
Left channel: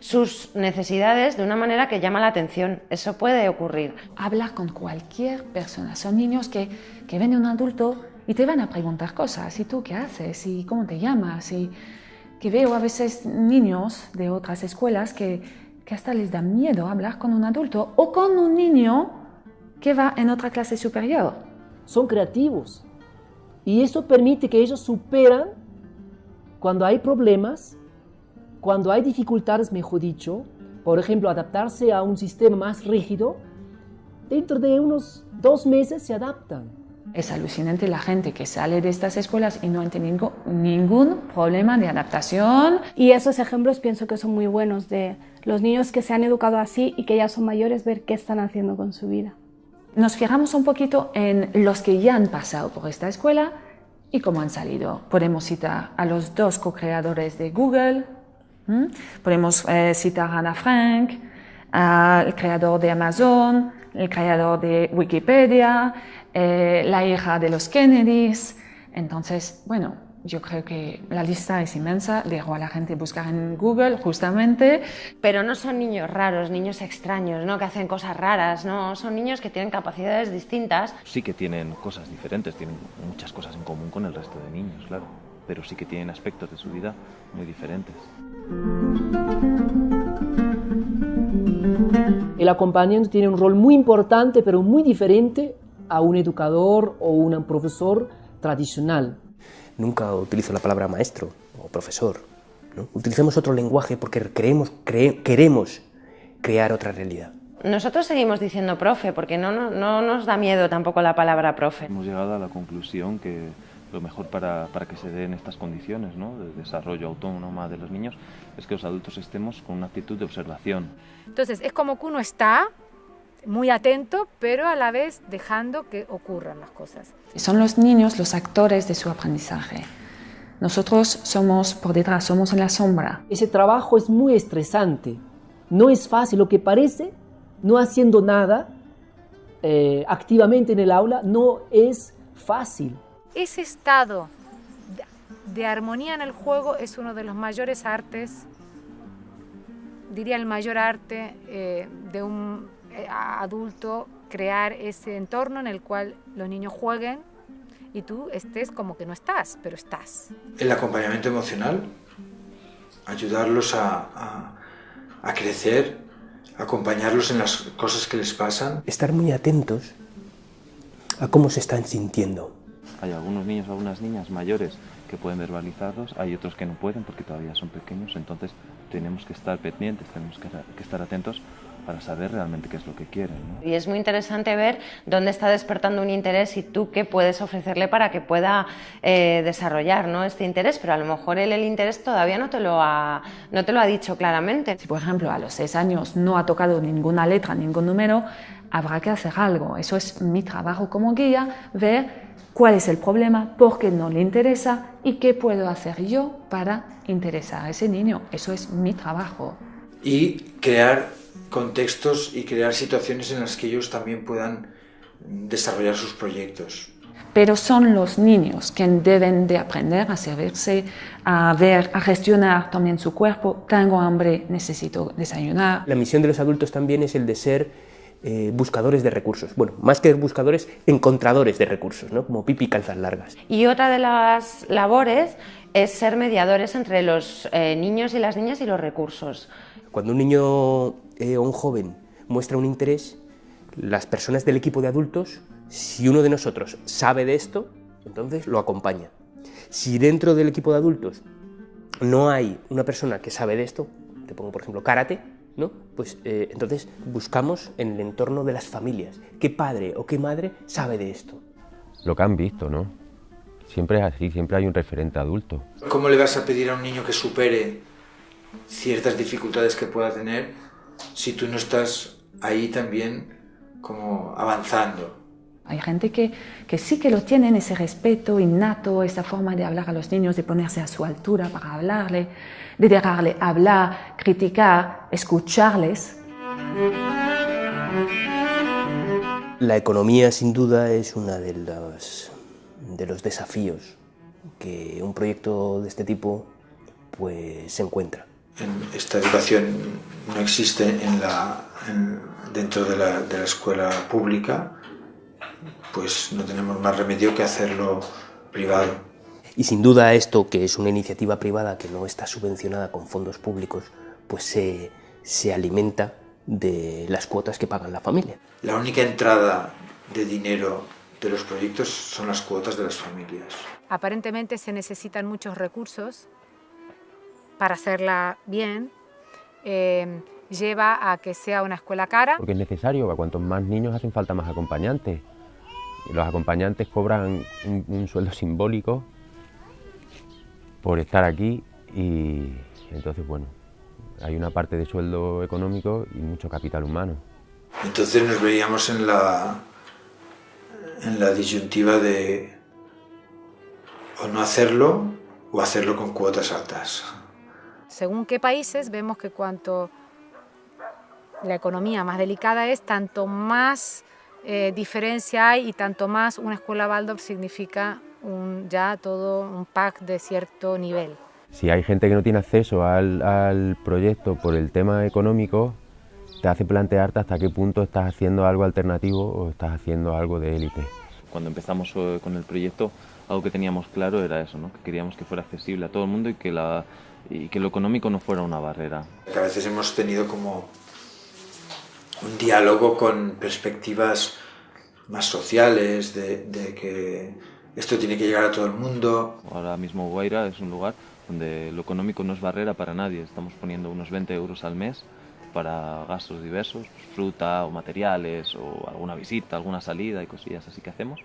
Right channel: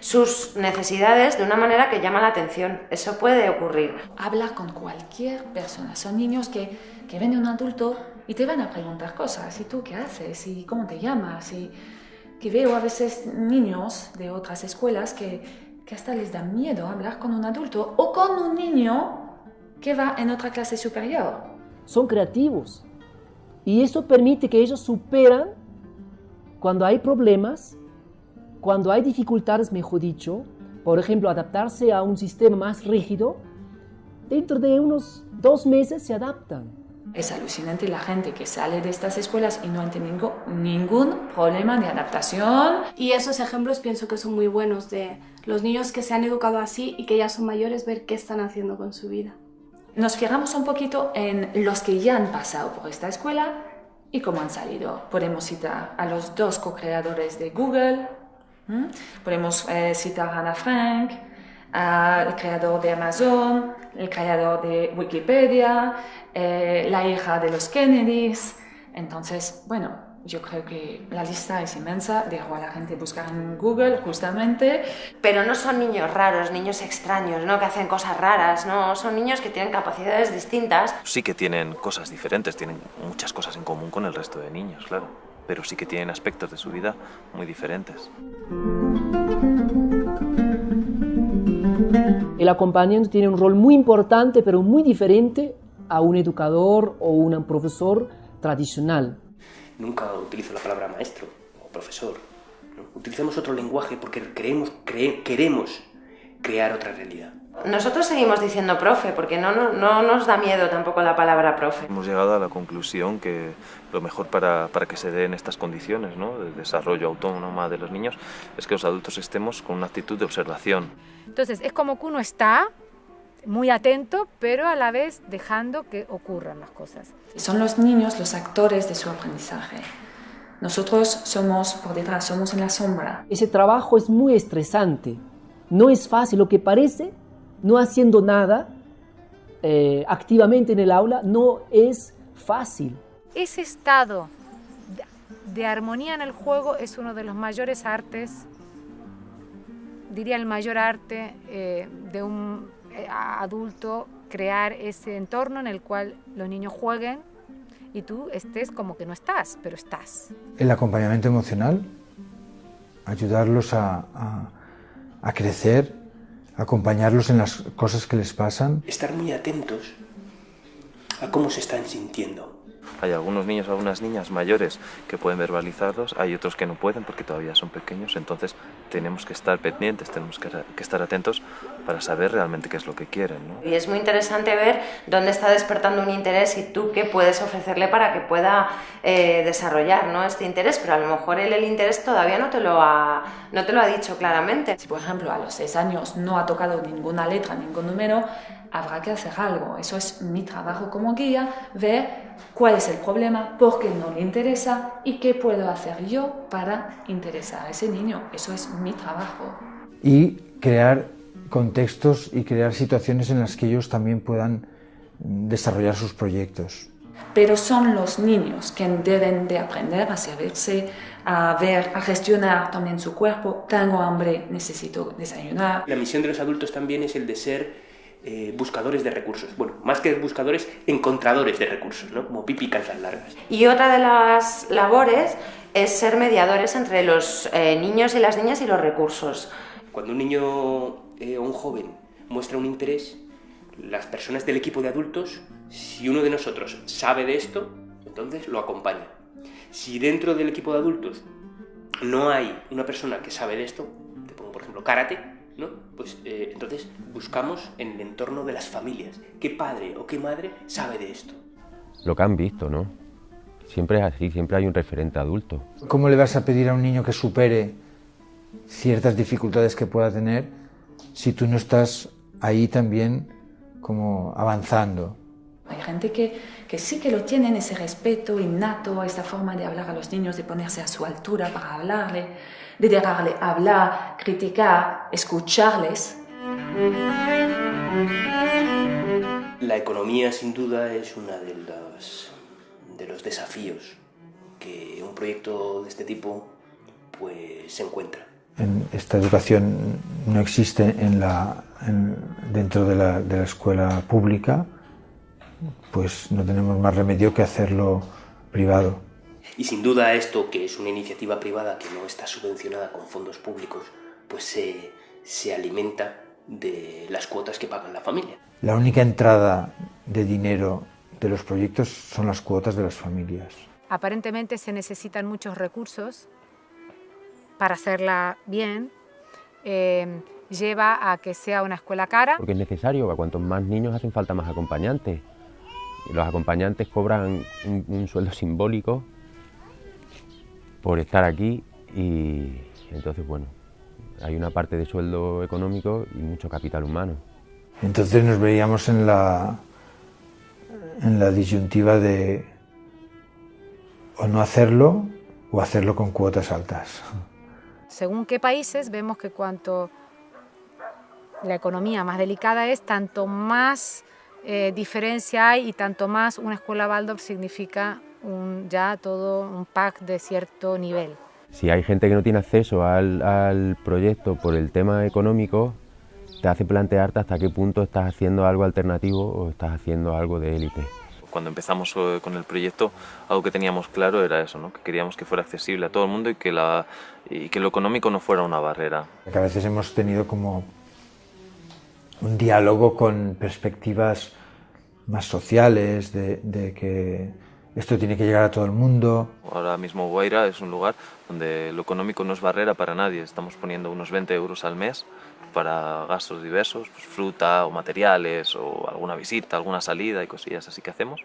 sus necesidades de una manera que llama la atención. Eso puede ocurrir. Habla con cualquier persona. Son niños que ven a un adulto y te van a preguntar cosas, ¿y tú qué haces? ¿Y cómo te llamas? Y que veo a veces niños de otras escuelas que hasta les da miedo hablar con un adulto o con un niño que va en otra clase superior. Son creativos y eso permite que ellos superan cuando hay problemas, cuando hay dificultades, mejor dicho, por ejemplo, adaptarse a un sistema más rígido, dentro de unos 2 meses se adaptan. Es alucinante la gente que sale de estas escuelas y no ha tenido ningún problema de adaptación. Y esos ejemplos pienso que son muy buenos de los niños que se han educado así y que ya son mayores, ver qué están haciendo con su vida. Nos fijamos un poquito en los que ya han pasado por esta escuela y cómo han salido. Podemos citar a los 2 co-creadores de Google, podemos citar a Ana Frank, al creador de Amazon, el creador de Wikipedia, la hija de los Kennedys. Entonces, bueno, yo creo que la lista es inmensa, dejo a la gente buscar en Google justamente. Pero no son niños raros, niños extraños, ¿no? Que hacen cosas raras, ¿no? Son niños que tienen capacidades distintas. Sí que tienen cosas diferentes, tienen muchas cosas en común con el resto de niños, claro, pero sí que tienen aspectos de su vida muy diferentes. El acompañante tiene un rol muy importante, pero muy diferente a un educador o un profesor tradicional. Nunca utilizo la palabra maestro o profesor, ¿no? Utilicemos otro lenguaje porque queremos crear otra realidad. Nosotros seguimos diciendo profe porque no nos da miedo tampoco la palabra profe. Hemos llegado a la conclusión que lo mejor para que se den estas condiciones, ¿no?, de desarrollo autónomo de los niños es que los adultos estemos con una actitud de observación. Entonces es como que uno está muy atento, pero a la vez dejando que ocurran las cosas. Son los niños los actores de su aprendizaje. Nosotros somos por detrás, somos en la sombra. Ese trabajo es muy estresante. No es fácil, lo que parece, no haciendo nada activamente en el aula, no es fácil. Ese estado de armonía en el juego es uno de los mayores artes, diría el mayor arte de un adulto, crear ese entorno en el cual los niños jueguen y tú estés como que no estás, pero estás. El acompañamiento emocional, ayudarlos a crecer, acompañarlos en las cosas que les pasan. Estar muy atentos a cómo se están sintiendo. Hay algunos niños, algunas niñas mayores que pueden verbalizarlos, hay otros que no pueden porque todavía son pequeños, entonces tenemos que estar pendientes, tenemos que estar atentos para saber realmente qué es lo que quieren, ¿no? Y es muy interesante ver dónde está despertando un interés y tú qué puedes ofrecerle para que pueda desarrollar, ¿no?, este interés, pero a lo mejor él el interés todavía no te lo ha dicho claramente. Si, por ejemplo, a los 6 años no ha tocado ninguna letra, ningún número, habrá que hacer algo. Eso es mi trabajo como guía, ver cuál es el problema, por qué no le interesa y qué puedo hacer yo para interesar a ese niño. Eso es mi trabajo. Y crear contextos y crear situaciones en las que ellos también puedan desarrollar sus proyectos. Pero son los niños que deben de aprender a servirse, a ver, a gestionar también su cuerpo. Tengo hambre, necesito desayunar. La misión de los adultos también es el de ser buscadores de recursos. Bueno, más que buscadores, encontradores de recursos, ¿no? Como Pipi Calzas Largas. Y otra de las labores es ser mediadores entre los niños y las niñas y los recursos. Cuando un niño o un joven muestra un interés, las personas del equipo de adultos, si uno de nosotros sabe de esto, entonces lo acompaña. Si dentro del equipo de adultos no hay una persona que sabe de esto, te pongo por ejemplo karate, ¿no? Pues entonces buscamos en el entorno de las familias qué padre o qué madre sabe de esto. Lo que han visto, ¿no? Siempre es así, siempre hay un referente adulto. ¿Cómo le vas a pedir a un niño que supere ciertas dificultades que pueda tener si tú no estás ahí también como avanzando? Hay gente que sí que lo tienen, ese respeto innato, esta forma de hablar a los niños, de ponerse a su altura para hablarle, de dejarle hablar, criticar, escucharles. La economía, sin duda, es uno de los desafíos que un proyecto de este tipo pues, se encuentra. Esta educación no existe dentro de la escuela pública pues no tenemos más remedio que hacerlo privado. Y sin duda esto, que es una iniciativa privada que no está subvencionada con fondos públicos, pues se alimenta de las cuotas que pagan la familia. La única entrada de dinero de los proyectos son las cuotas de las familias. Aparentemente se necesitan muchos recursos para hacerla bien. Lleva a que sea una escuela cara. Porque es necesario, a cuantos más niños hacen falta más acompañantes. Y los acompañantes cobran un sueldo simbólico por estar aquí y entonces, bueno, hay una parte de sueldo económico y mucho capital humano. Entonces nos veíamos en la disyuntiva de o no hacerlo o hacerlo con cuotas altas. Según qué países, vemos que cuanto la economía más delicada es, tanto más diferencia hay y tanto más una escuela Waldorf significa ya todo un pack de cierto nivel. Si hay gente que no tiene acceso al proyecto por el tema económico, te hace plantearte hasta qué punto estás haciendo algo alternativo o estás haciendo algo de élite. Cuando empezamos con el proyecto, algo que teníamos claro era eso, ¿no? Que queríamos que fuera accesible a todo el mundo y que lo económico no fuera una barrera. A veces hemos tenido como un diálogo con perspectivas más sociales, de que esto tiene que llegar a todo el mundo. Ahora mismo Guaira es un lugar donde lo económico no es barrera para nadie. Estamos poniendo unos 20 euros al mes para gastos diversos, pues fruta o materiales o alguna visita, alguna salida y cosillas así que hacemos.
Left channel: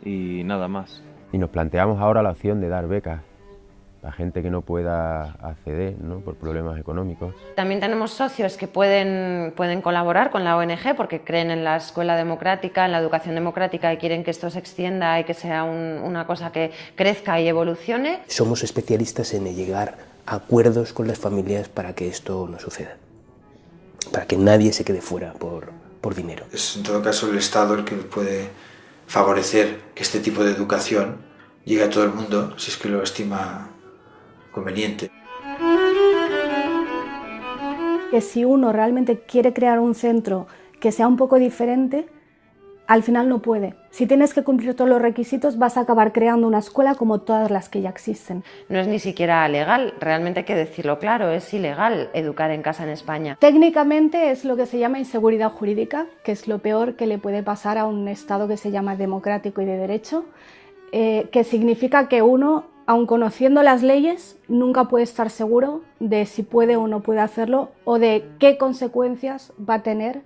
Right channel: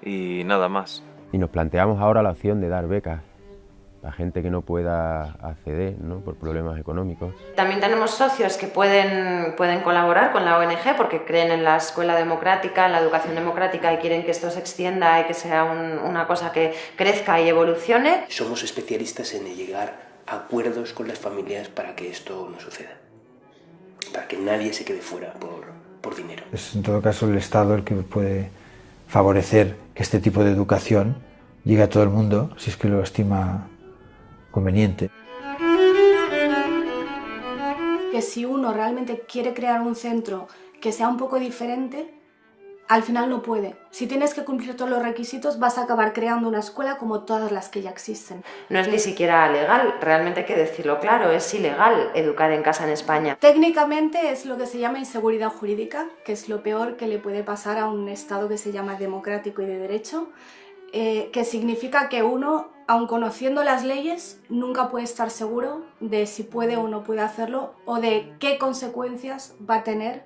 Y nada más. Y nos planteamos ahora la opción de dar becas a gente que no pueda acceder, ¿no? Por problemas económicos. También tenemos socios que pueden colaborar con la ONG porque creen en la escuela democrática, en la educación democrática y quieren que esto se extienda y que sea una cosa que crezca y evolucione. Somos especialistas en llegar a acuerdos con las familias para que esto no suceda, para que nadie se quede fuera por dinero. Es en todo caso el Estado el que puede favorecer que este tipo de educación llegue a todo el mundo si es que lo estima conveniente. Que si uno realmente quiere crear un centro que sea un poco diferente, al final no puede. Si tienes que cumplir todos los requisitos, vas a acabar creando una escuela como todas las que ya existen. No es ni siquiera legal, realmente hay que decirlo claro, es ilegal educar en casa en España. Técnicamente es lo que se llama inseguridad jurídica, que es lo peor que le puede pasar a un Estado que se llama democrático y de derecho, que significa que uno, aun conociendo las leyes, nunca puede estar seguro de si puede o no puede hacerlo o de qué consecuencias va a tener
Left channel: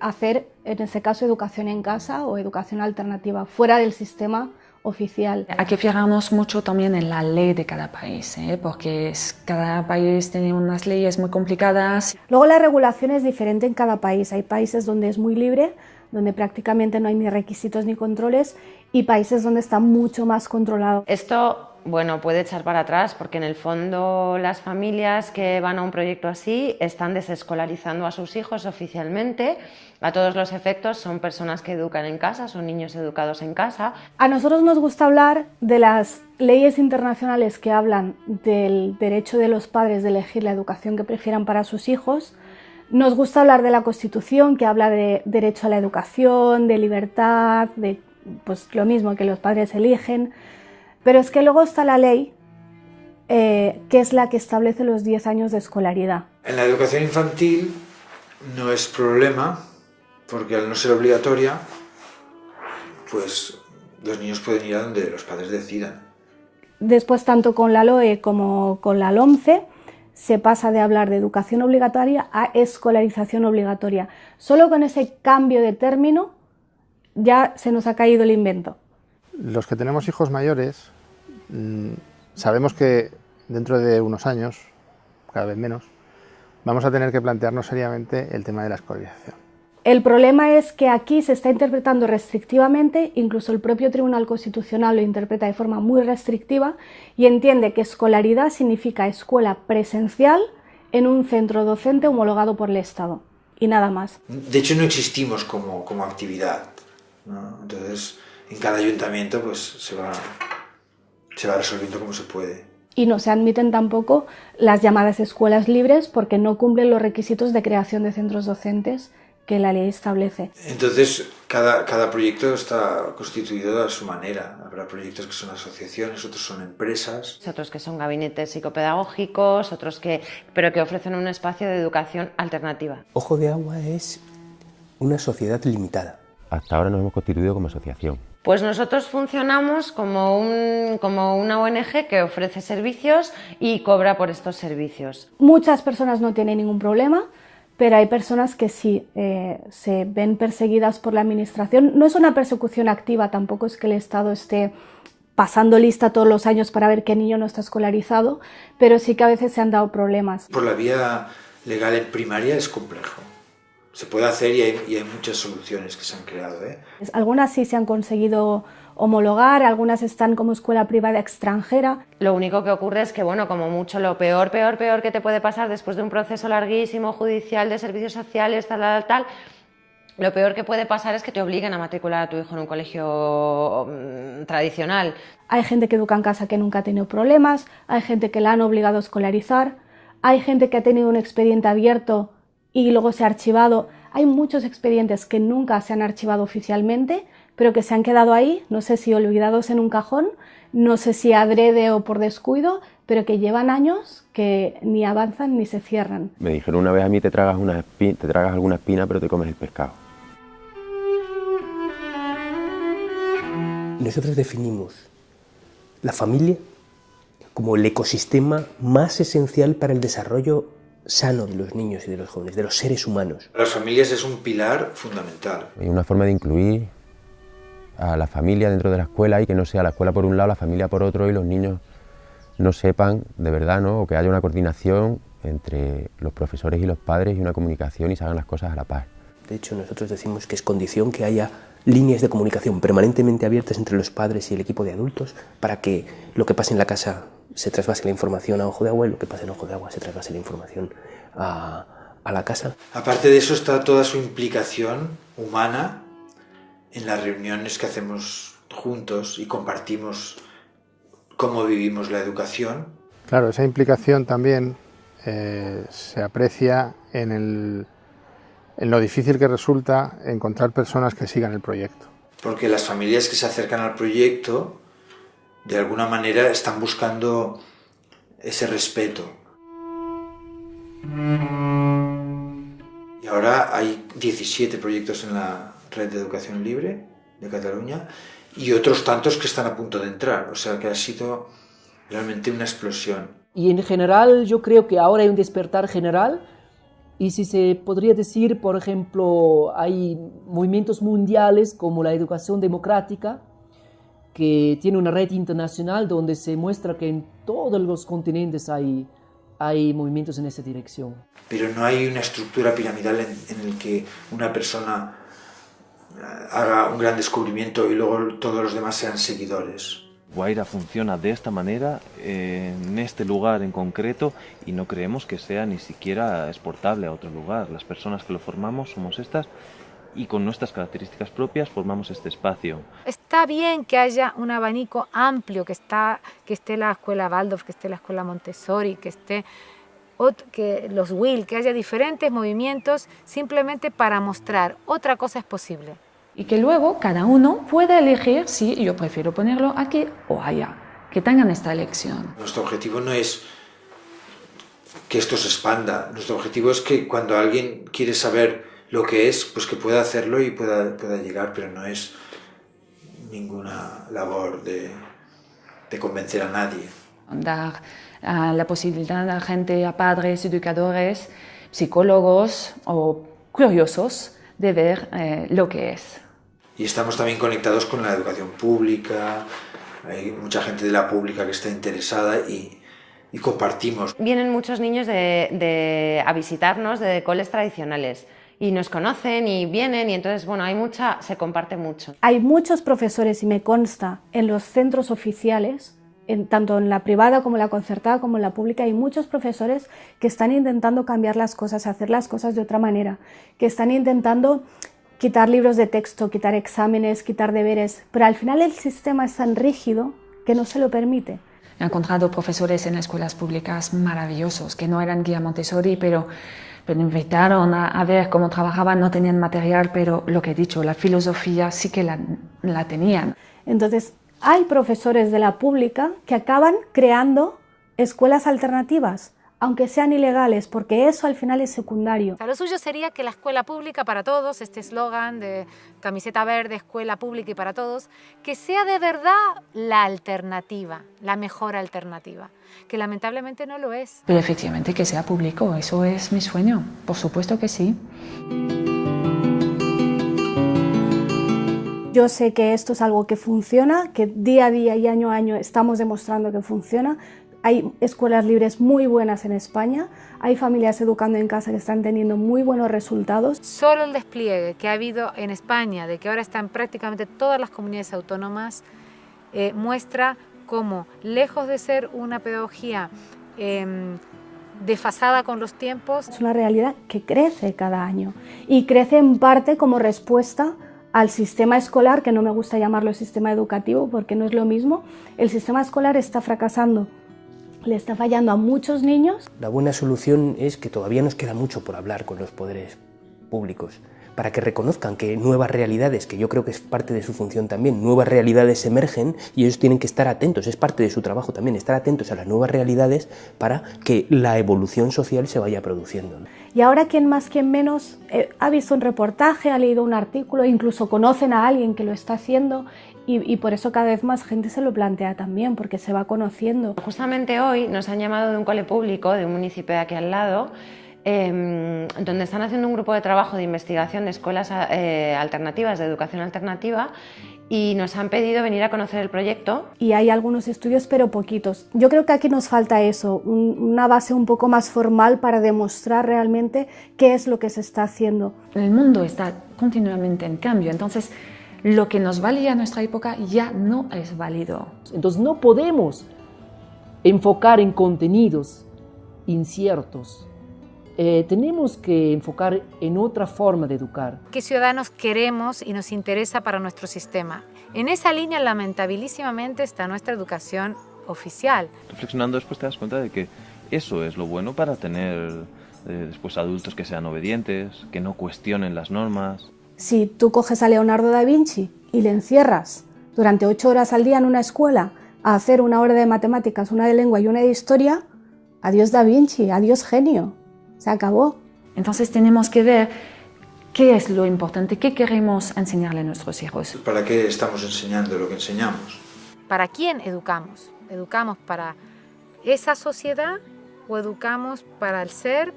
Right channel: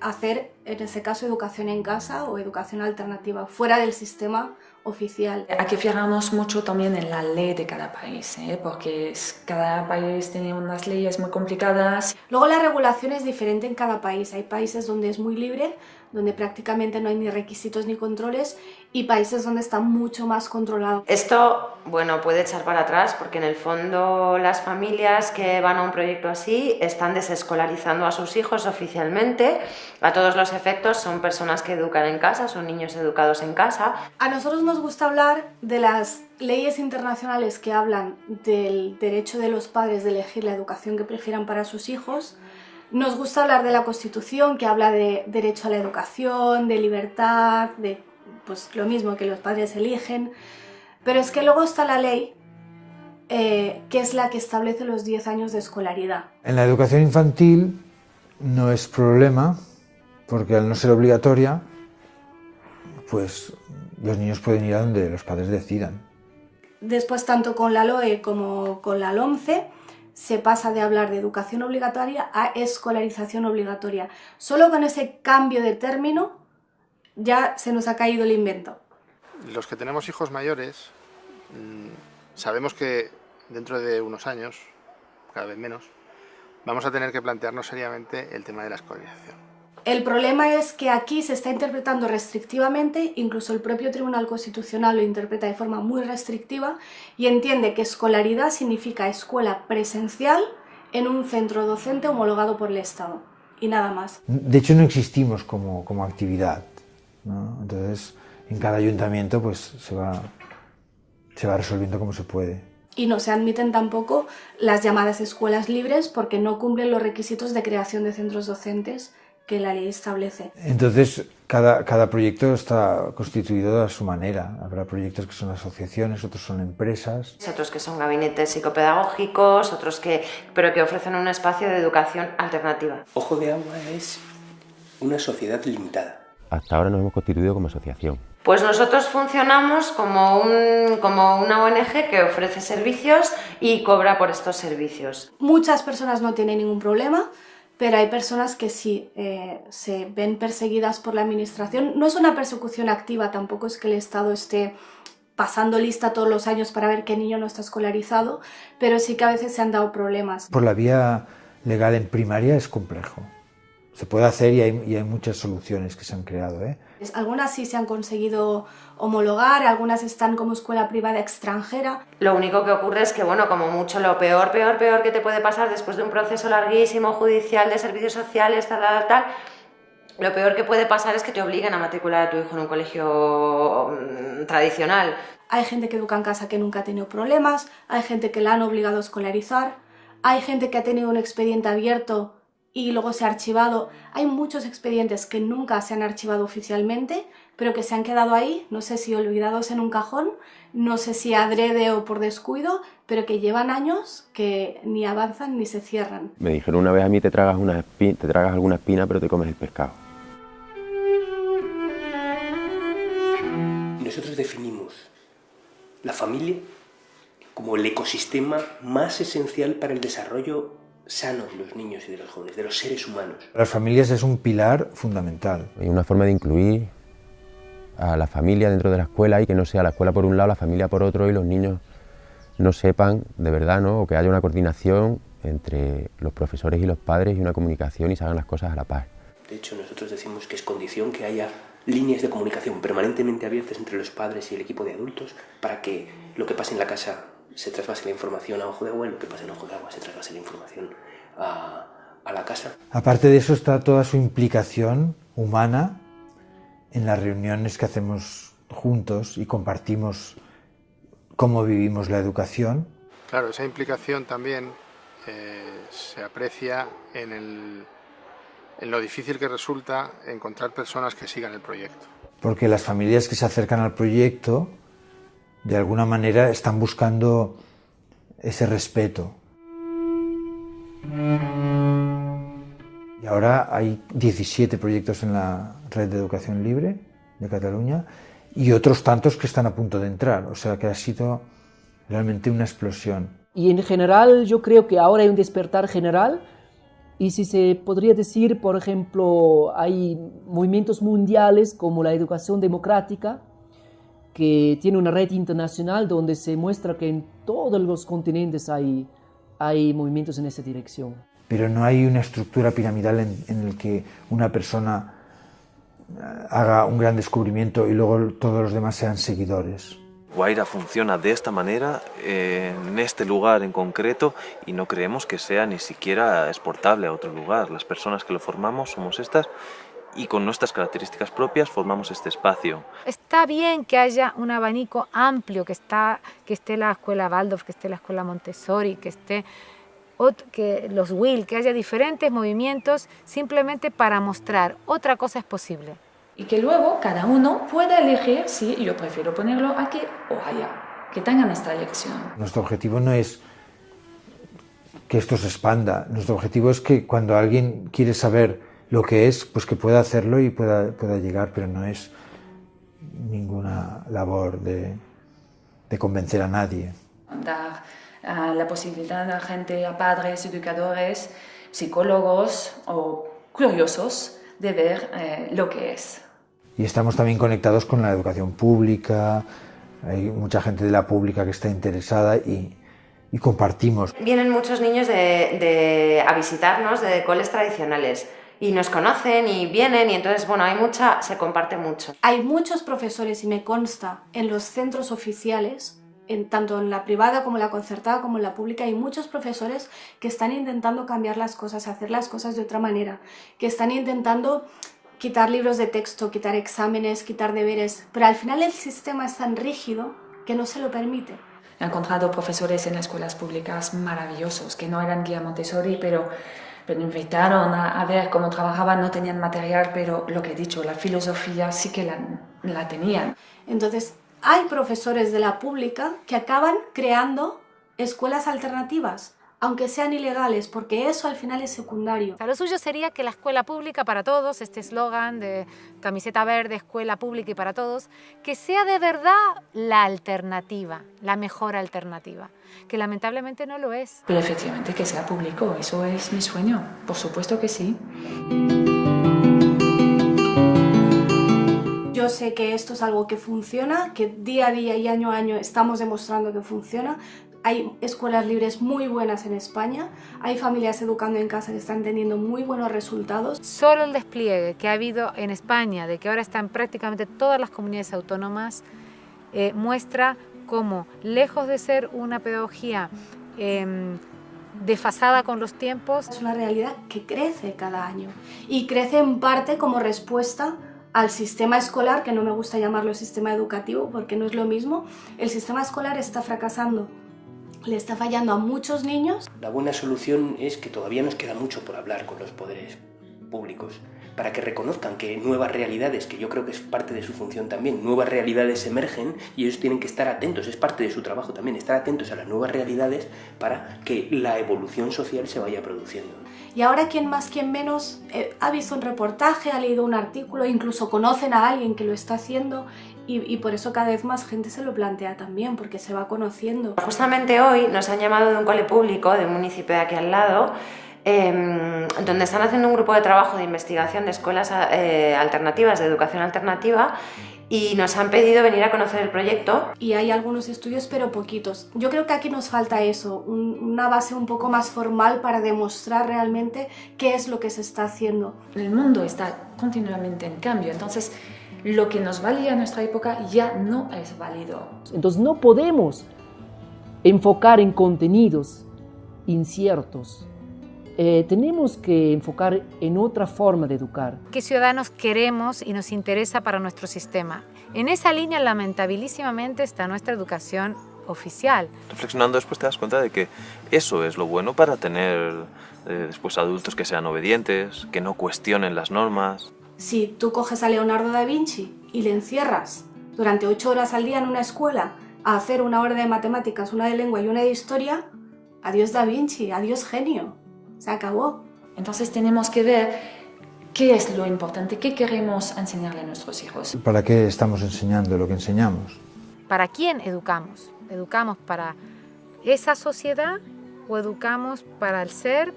hacer, en ese caso, educación en casa o educación alternativa, fuera del sistema oficial. Hay que fijarnos mucho también en la ley de cada país, porque cada país tiene unas leyes muy complicadas. Luego la regulación es diferente en cada país. Hay países donde es muy libre, donde prácticamente no hay ni requisitos ni controles, y países donde está mucho más controlado. Esto, bueno, puede echar para atrás porque en el fondo las familias que van a un proyecto así están desescolarizando a sus hijos oficialmente. A todos los efectos son personas que educan en casa, son niños educados en casa. A nosotros nos gusta hablar de las leyes internacionales que hablan del derecho de los padres de elegir la educación que prefieran para sus hijos. Nos gusta hablar de la Constitución, que habla de derecho a la educación, de libertad, de pues lo mismo que los padres eligen. Pero es que luego está la ley, que es la que establece los 10 años de escolaridad. En la educación infantil no es problema, porque al no ser obligatoria, pues los niños pueden ir a donde los padres decidan. Después, tanto con la LOE como con la LOMCE, se pasa de hablar de educación obligatoria a escolarización obligatoria. Solo con ese cambio de término ya se nos ha caído el invento. Los que tenemos hijos mayores sabemos que dentro de unos años, cada vez menos, vamos a tener que plantearnos seriamente el tema de la escolarización. El problema es que aquí se está interpretando restrictivamente, incluso el propio Tribunal Constitucional lo interpreta de forma muy restrictiva y entiende que escolaridad significa escuela presencial en un centro docente homologado por el Estado y nada más. De hecho no existimos como actividad, ¿no? Entonces en cada ayuntamiento pues se va resolviendo como se puede. Y no se admiten tampoco las llamadas escuelas libres porque no cumplen los requisitos de creación de centros docentes que la ley establece. Entonces, cada proyecto está constituido a su manera. Habrá proyectos que son asociaciones, otros son empresas. Otros que son gabinetes psicopedagógicos, pero que ofrecen un espacio de educación alternativa. Ojo de Agua es una sociedad limitada. Hasta ahora nos hemos constituido como asociación. Pues nosotros funcionamos como una ONG que ofrece servicios y cobra por estos servicios. Muchas personas no tienen ningún problema, pero hay personas que sí se ven perseguidas por la administración. No es una persecución activa, tampoco es que el Estado esté pasando lista todos los años para ver qué niño no está escolarizado, pero sí que a veces se han dado problemas. Por la vía legal en primaria es complejo. Se puede hacer y hay muchas soluciones que se han creado, ¿eh? Algunas sí se han conseguido homologar, algunas están como escuela privada extranjera. Lo único que ocurre es que, bueno, como mucho lo peor que te puede pasar después de un proceso larguísimo judicial de servicios sociales, tal, lo peor que puede pasar es que te obliguen a matricular a tu hijo en un colegio tradicional. Hay gente que educa en casa que nunca ha tenido problemas, hay gente que la han obligado a escolarizar, hay gente que ha tenido un expediente abierto y luego se ha archivado. Hay muchos expedientes que nunca se han archivado oficialmente, pero que se han quedado ahí, no sé si olvidados en un cajón, no sé si adrede o por descuido, pero que llevan años que ni avanzan ni se cierran. Me dijeron una vez a mí, te tragas alguna espina, pero te comes el pescado. Nosotros definimos la familia como el ecosistema más esencial para el desarrollo sano de los niños y de los jóvenes, de los seres humanos. Las familias es un pilar fundamental. Hay una forma de incluir a la familia dentro de la escuela y que no sea la escuela por un lado, la familia por otro y los niños no sepan de verdad, ¿no? O que haya una coordinación entre los profesores y los padres y una comunicación y se hagan las cosas a la par. De hecho, nosotros decimos que es condición que haya líneas de comunicación permanentemente abiertas entre los padres y el equipo de adultos para que lo que pase en la casa se trasvase la información a Ojo de Agua y lo que pasa en Ojo de Agua se trasvase la información a la casa. Aparte de eso está toda su implicación humana en las reuniones que hacemos juntos y compartimos cómo vivimos la educación. Claro, esa implicación también se aprecia en lo difícil que resulta encontrar personas que sigan el proyecto. Porque las familias que se acercan al proyecto de alguna manera están buscando ese respeto. Y ahora hay 17 proyectos en la Red de Educación Libre de Cataluña y otros tantos que están a punto de entrar, o sea que ha sido realmente una explosión. Y en general yo creo que ahora hay un despertar general y si se podría decir, por ejemplo, hay movimientos mundiales como la educación democrática, que tiene una red internacional donde se muestra que en todos los continentes hay movimientos en esa dirección. Pero no hay una estructura piramidal en el que una persona haga un gran descubrimiento y luego todos los demás sean seguidores. Guaira funciona de esta manera, en este lugar en concreto, y no creemos que sea ni siquiera exportable a otro lugar. Las personas que lo formamos somos estas, y con nuestras características propias formamos este espacio. Está bien que haya un abanico amplio, que esté la escuela Waldorf, que esté la escuela Montessori, que esté los WIL, que haya diferentes movimientos simplemente para mostrar otra cosa es posible. Y que luego cada uno pueda elegir si yo prefiero ponerlo aquí o allá, que tengan esta elección. Nuestro objetivo no es que esto se expanda, nuestro objetivo es que cuando alguien quiere saber lo que es, pues que pueda hacerlo y pueda llegar, pero no es ninguna labor de convencer a nadie. Dar la posibilidad a gente, a padres, educadores, psicólogos o curiosos de ver lo que es. Y estamos también conectados con la educación pública, hay mucha gente de la pública que está interesada y compartimos. Vienen muchos niños a visitarnos de coles tradicionales y nos conocen y vienen y entonces, bueno, se comparte mucho. Hay muchos profesores, y me consta, en los centros oficiales, tanto en la privada como en la concertada como en la pública, hay muchos profesores que están intentando cambiar las cosas, hacer las cosas de otra manera, que están intentando quitar libros de texto, quitar exámenes, quitar deberes, pero al final el sistema es tan rígido que no se lo permite. He encontrado profesores en escuelas públicas maravillosos, que no eran guía Montessori, pero Pero invitaron a ver cómo trabajaban, no tenían material, pero lo que he dicho, la filosofía sí que la tenían. Entonces, hay profesores de la pública que acaban creando escuelas alternativas, aunque sean ilegales, porque eso al final es secundario. O sea, lo suyo sería que la escuela pública para todos, este eslogan de camiseta verde, escuela pública y para todos, que sea de verdad la alternativa, la mejor alternativa, que lamentablemente no lo es. Pero efectivamente que sea público, eso es mi sueño, por supuesto que sí. Yo sé que esto es algo que funciona, que día a día y año a año estamos demostrando que funciona. Hay escuelas libres muy buenas en España, hay familias educando en casa que están teniendo muy buenos resultados. Solo el despliegue que ha habido en España, de que ahora están prácticamente todas las comunidades autónomas, muestra cómo, lejos de ser una pedagogía desfasada con los tiempos, es una realidad que crece cada año y crece en parte como respuesta al sistema escolar, que no me gusta llamarlo sistema educativo porque no es lo mismo. El sistema escolar está fracasando, le está fallando a muchos niños. La buena solución es que todavía nos queda mucho por hablar con los poderes públicos, para que reconozcan que nuevas realidades, que yo creo que es parte de su función también, nuevas realidades emergen y ellos tienen que estar atentos, es parte de su trabajo también, estar atentos a las nuevas realidades para que la evolución social se vaya produciendo. Y ahora quien más, quien menos ha visto un reportaje, ha leído un artículo, incluso conocen a alguien que lo está haciendo y por eso cada vez más gente se lo plantea también, porque se va conociendo. Justamente hoy nos han llamado de un cole público de un municipio de aquí al lado, donde están haciendo un grupo de trabajo de investigación de escuelas alternativas, de educación alternativa, y nos han pedido venir a conocer el proyecto. Y hay algunos estudios, pero poquitos. Yo creo que aquí nos falta eso, una base un poco más formal para demostrar realmente qué es lo que se está haciendo. El mundo está continuamente en cambio, entonces lo que nos valía en nuestra época ya no es válido. Entonces no podemos enfocar en contenidos inciertos. Tenemos que enfocar en otra forma de educar. ¿Qué ciudadanos queremos y nos interesa para nuestro sistema? En esa línea, lamentabilísimamente, está nuestra educación oficial. Reflexionando después te das cuenta de que eso es lo bueno para tener después adultos que sean obedientes, que no cuestionen las normas. Si tú coges a Leonardo da Vinci y le encierras durante 8 horas al día en una escuela a hacer una hora de matemáticas, una de lengua y una de historia, adiós da Vinci, adiós genio. Se acabó. Entonces tenemos que ver qué es lo importante, qué queremos enseñarle a nuestros hijos. ¿Para qué estamos enseñando lo que enseñamos? ¿Para quién educamos? ¿Educamos para esa sociedad o educamos para el ser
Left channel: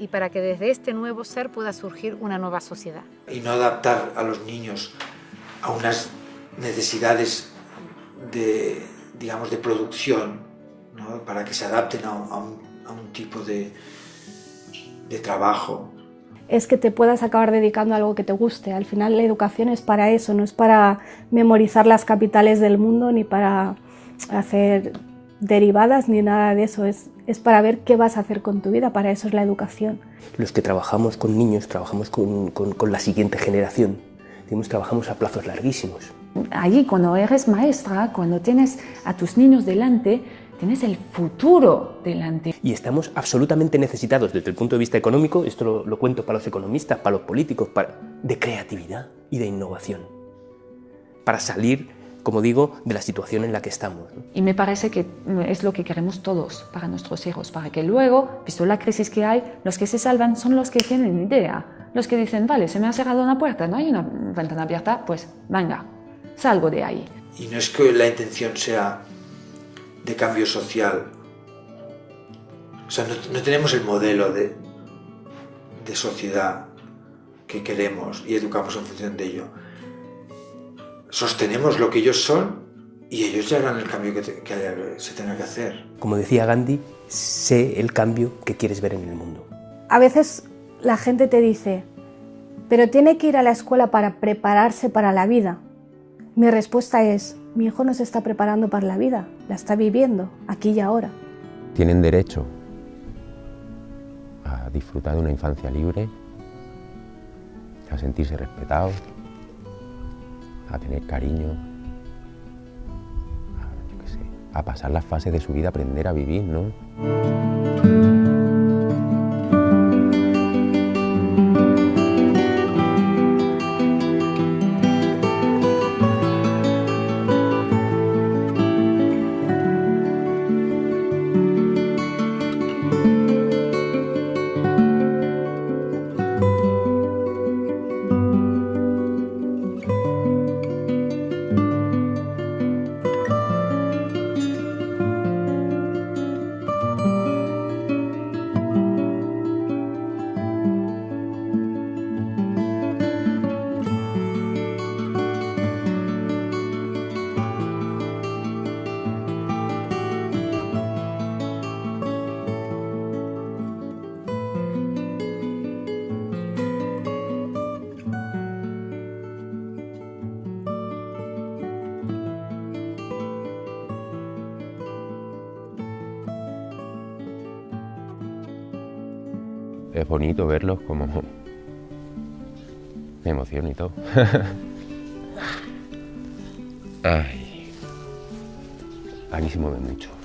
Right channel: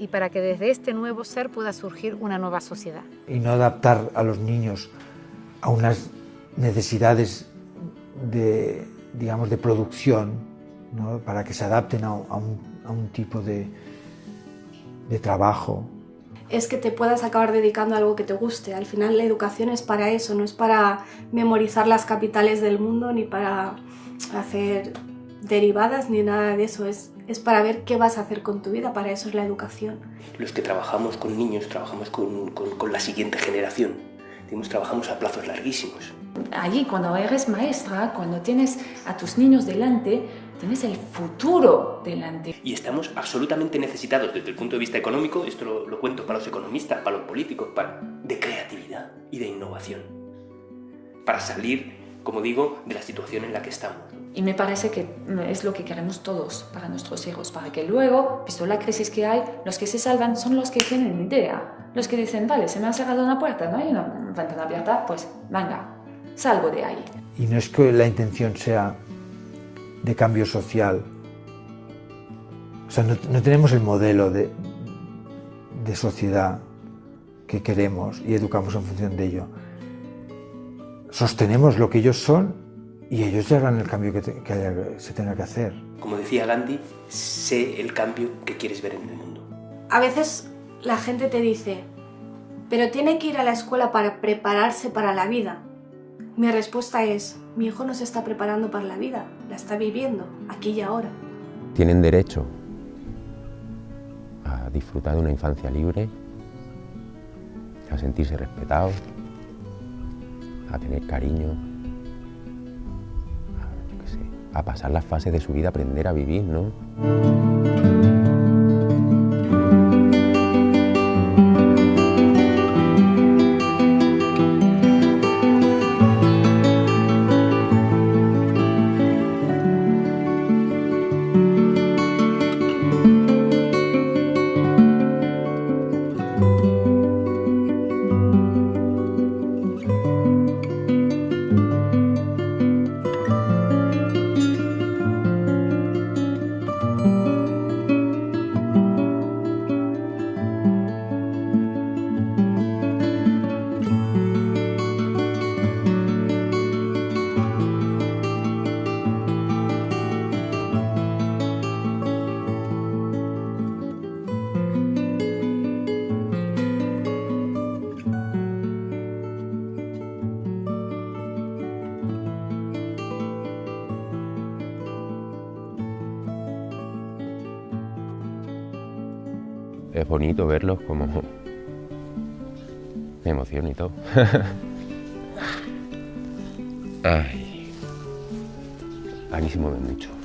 y para que desde este nuevo ser pueda surgir una nueva sociedad? Y no adaptar a los niños a unas necesidades de, digamos, de producción, ¿no? Para que se adapten a un tipo de trabajo. Es que te puedas acabar dedicando a algo que te guste. Al final la educación es para eso, no es para memorizar las capitales del mundo ni para hacer derivadas ni nada de eso. Es para ver qué vas a hacer con tu vida, para eso es la educación. Los que trabajamos con niños, trabajamos con la siguiente generación. Trabajamos a plazos larguísimos. Allí, cuando eres maestra, cuando tienes a tus niños delante, tienes el futuro delante. Y estamos absolutamente necesitados desde el punto de vista económico, esto lo cuento para los economistas, para los políticos, de creatividad y de innovación. Para salir, como digo, de la situación en la que estamos. Y me parece que es lo que queremos todos para nuestros hijos, para que luego, visto la crisis que hay, los que se salvan son los que tienen idea. Los que dicen, vale, se me ha cerrado una puerta, no hay una ventana abierta, pues venga, salgo de ahí. Y no es que la intención sea de cambio social. O sea, no tenemos el modelo de sociedad que queremos y educamos en función de ello. Sostenemos lo que ellos son y ellos ya harán el cambio que se tenga que hacer. Como decía Gandhi, sé el cambio que quieres ver en el mundo. A veces la gente te dice, pero tiene que ir a la escuela para prepararse para la vida. Mi respuesta es, mi hijo no se está preparando para la vida, la está viviendo, aquí y ahora. Tienen derecho a disfrutar de una infancia libre, a sentirse respetados, a tener cariño, a pasar las fases de su vida, aprender a vivir, ¿no? es bonito verlos como... Me emociono y todo. Ay, a mí se mueven mucho.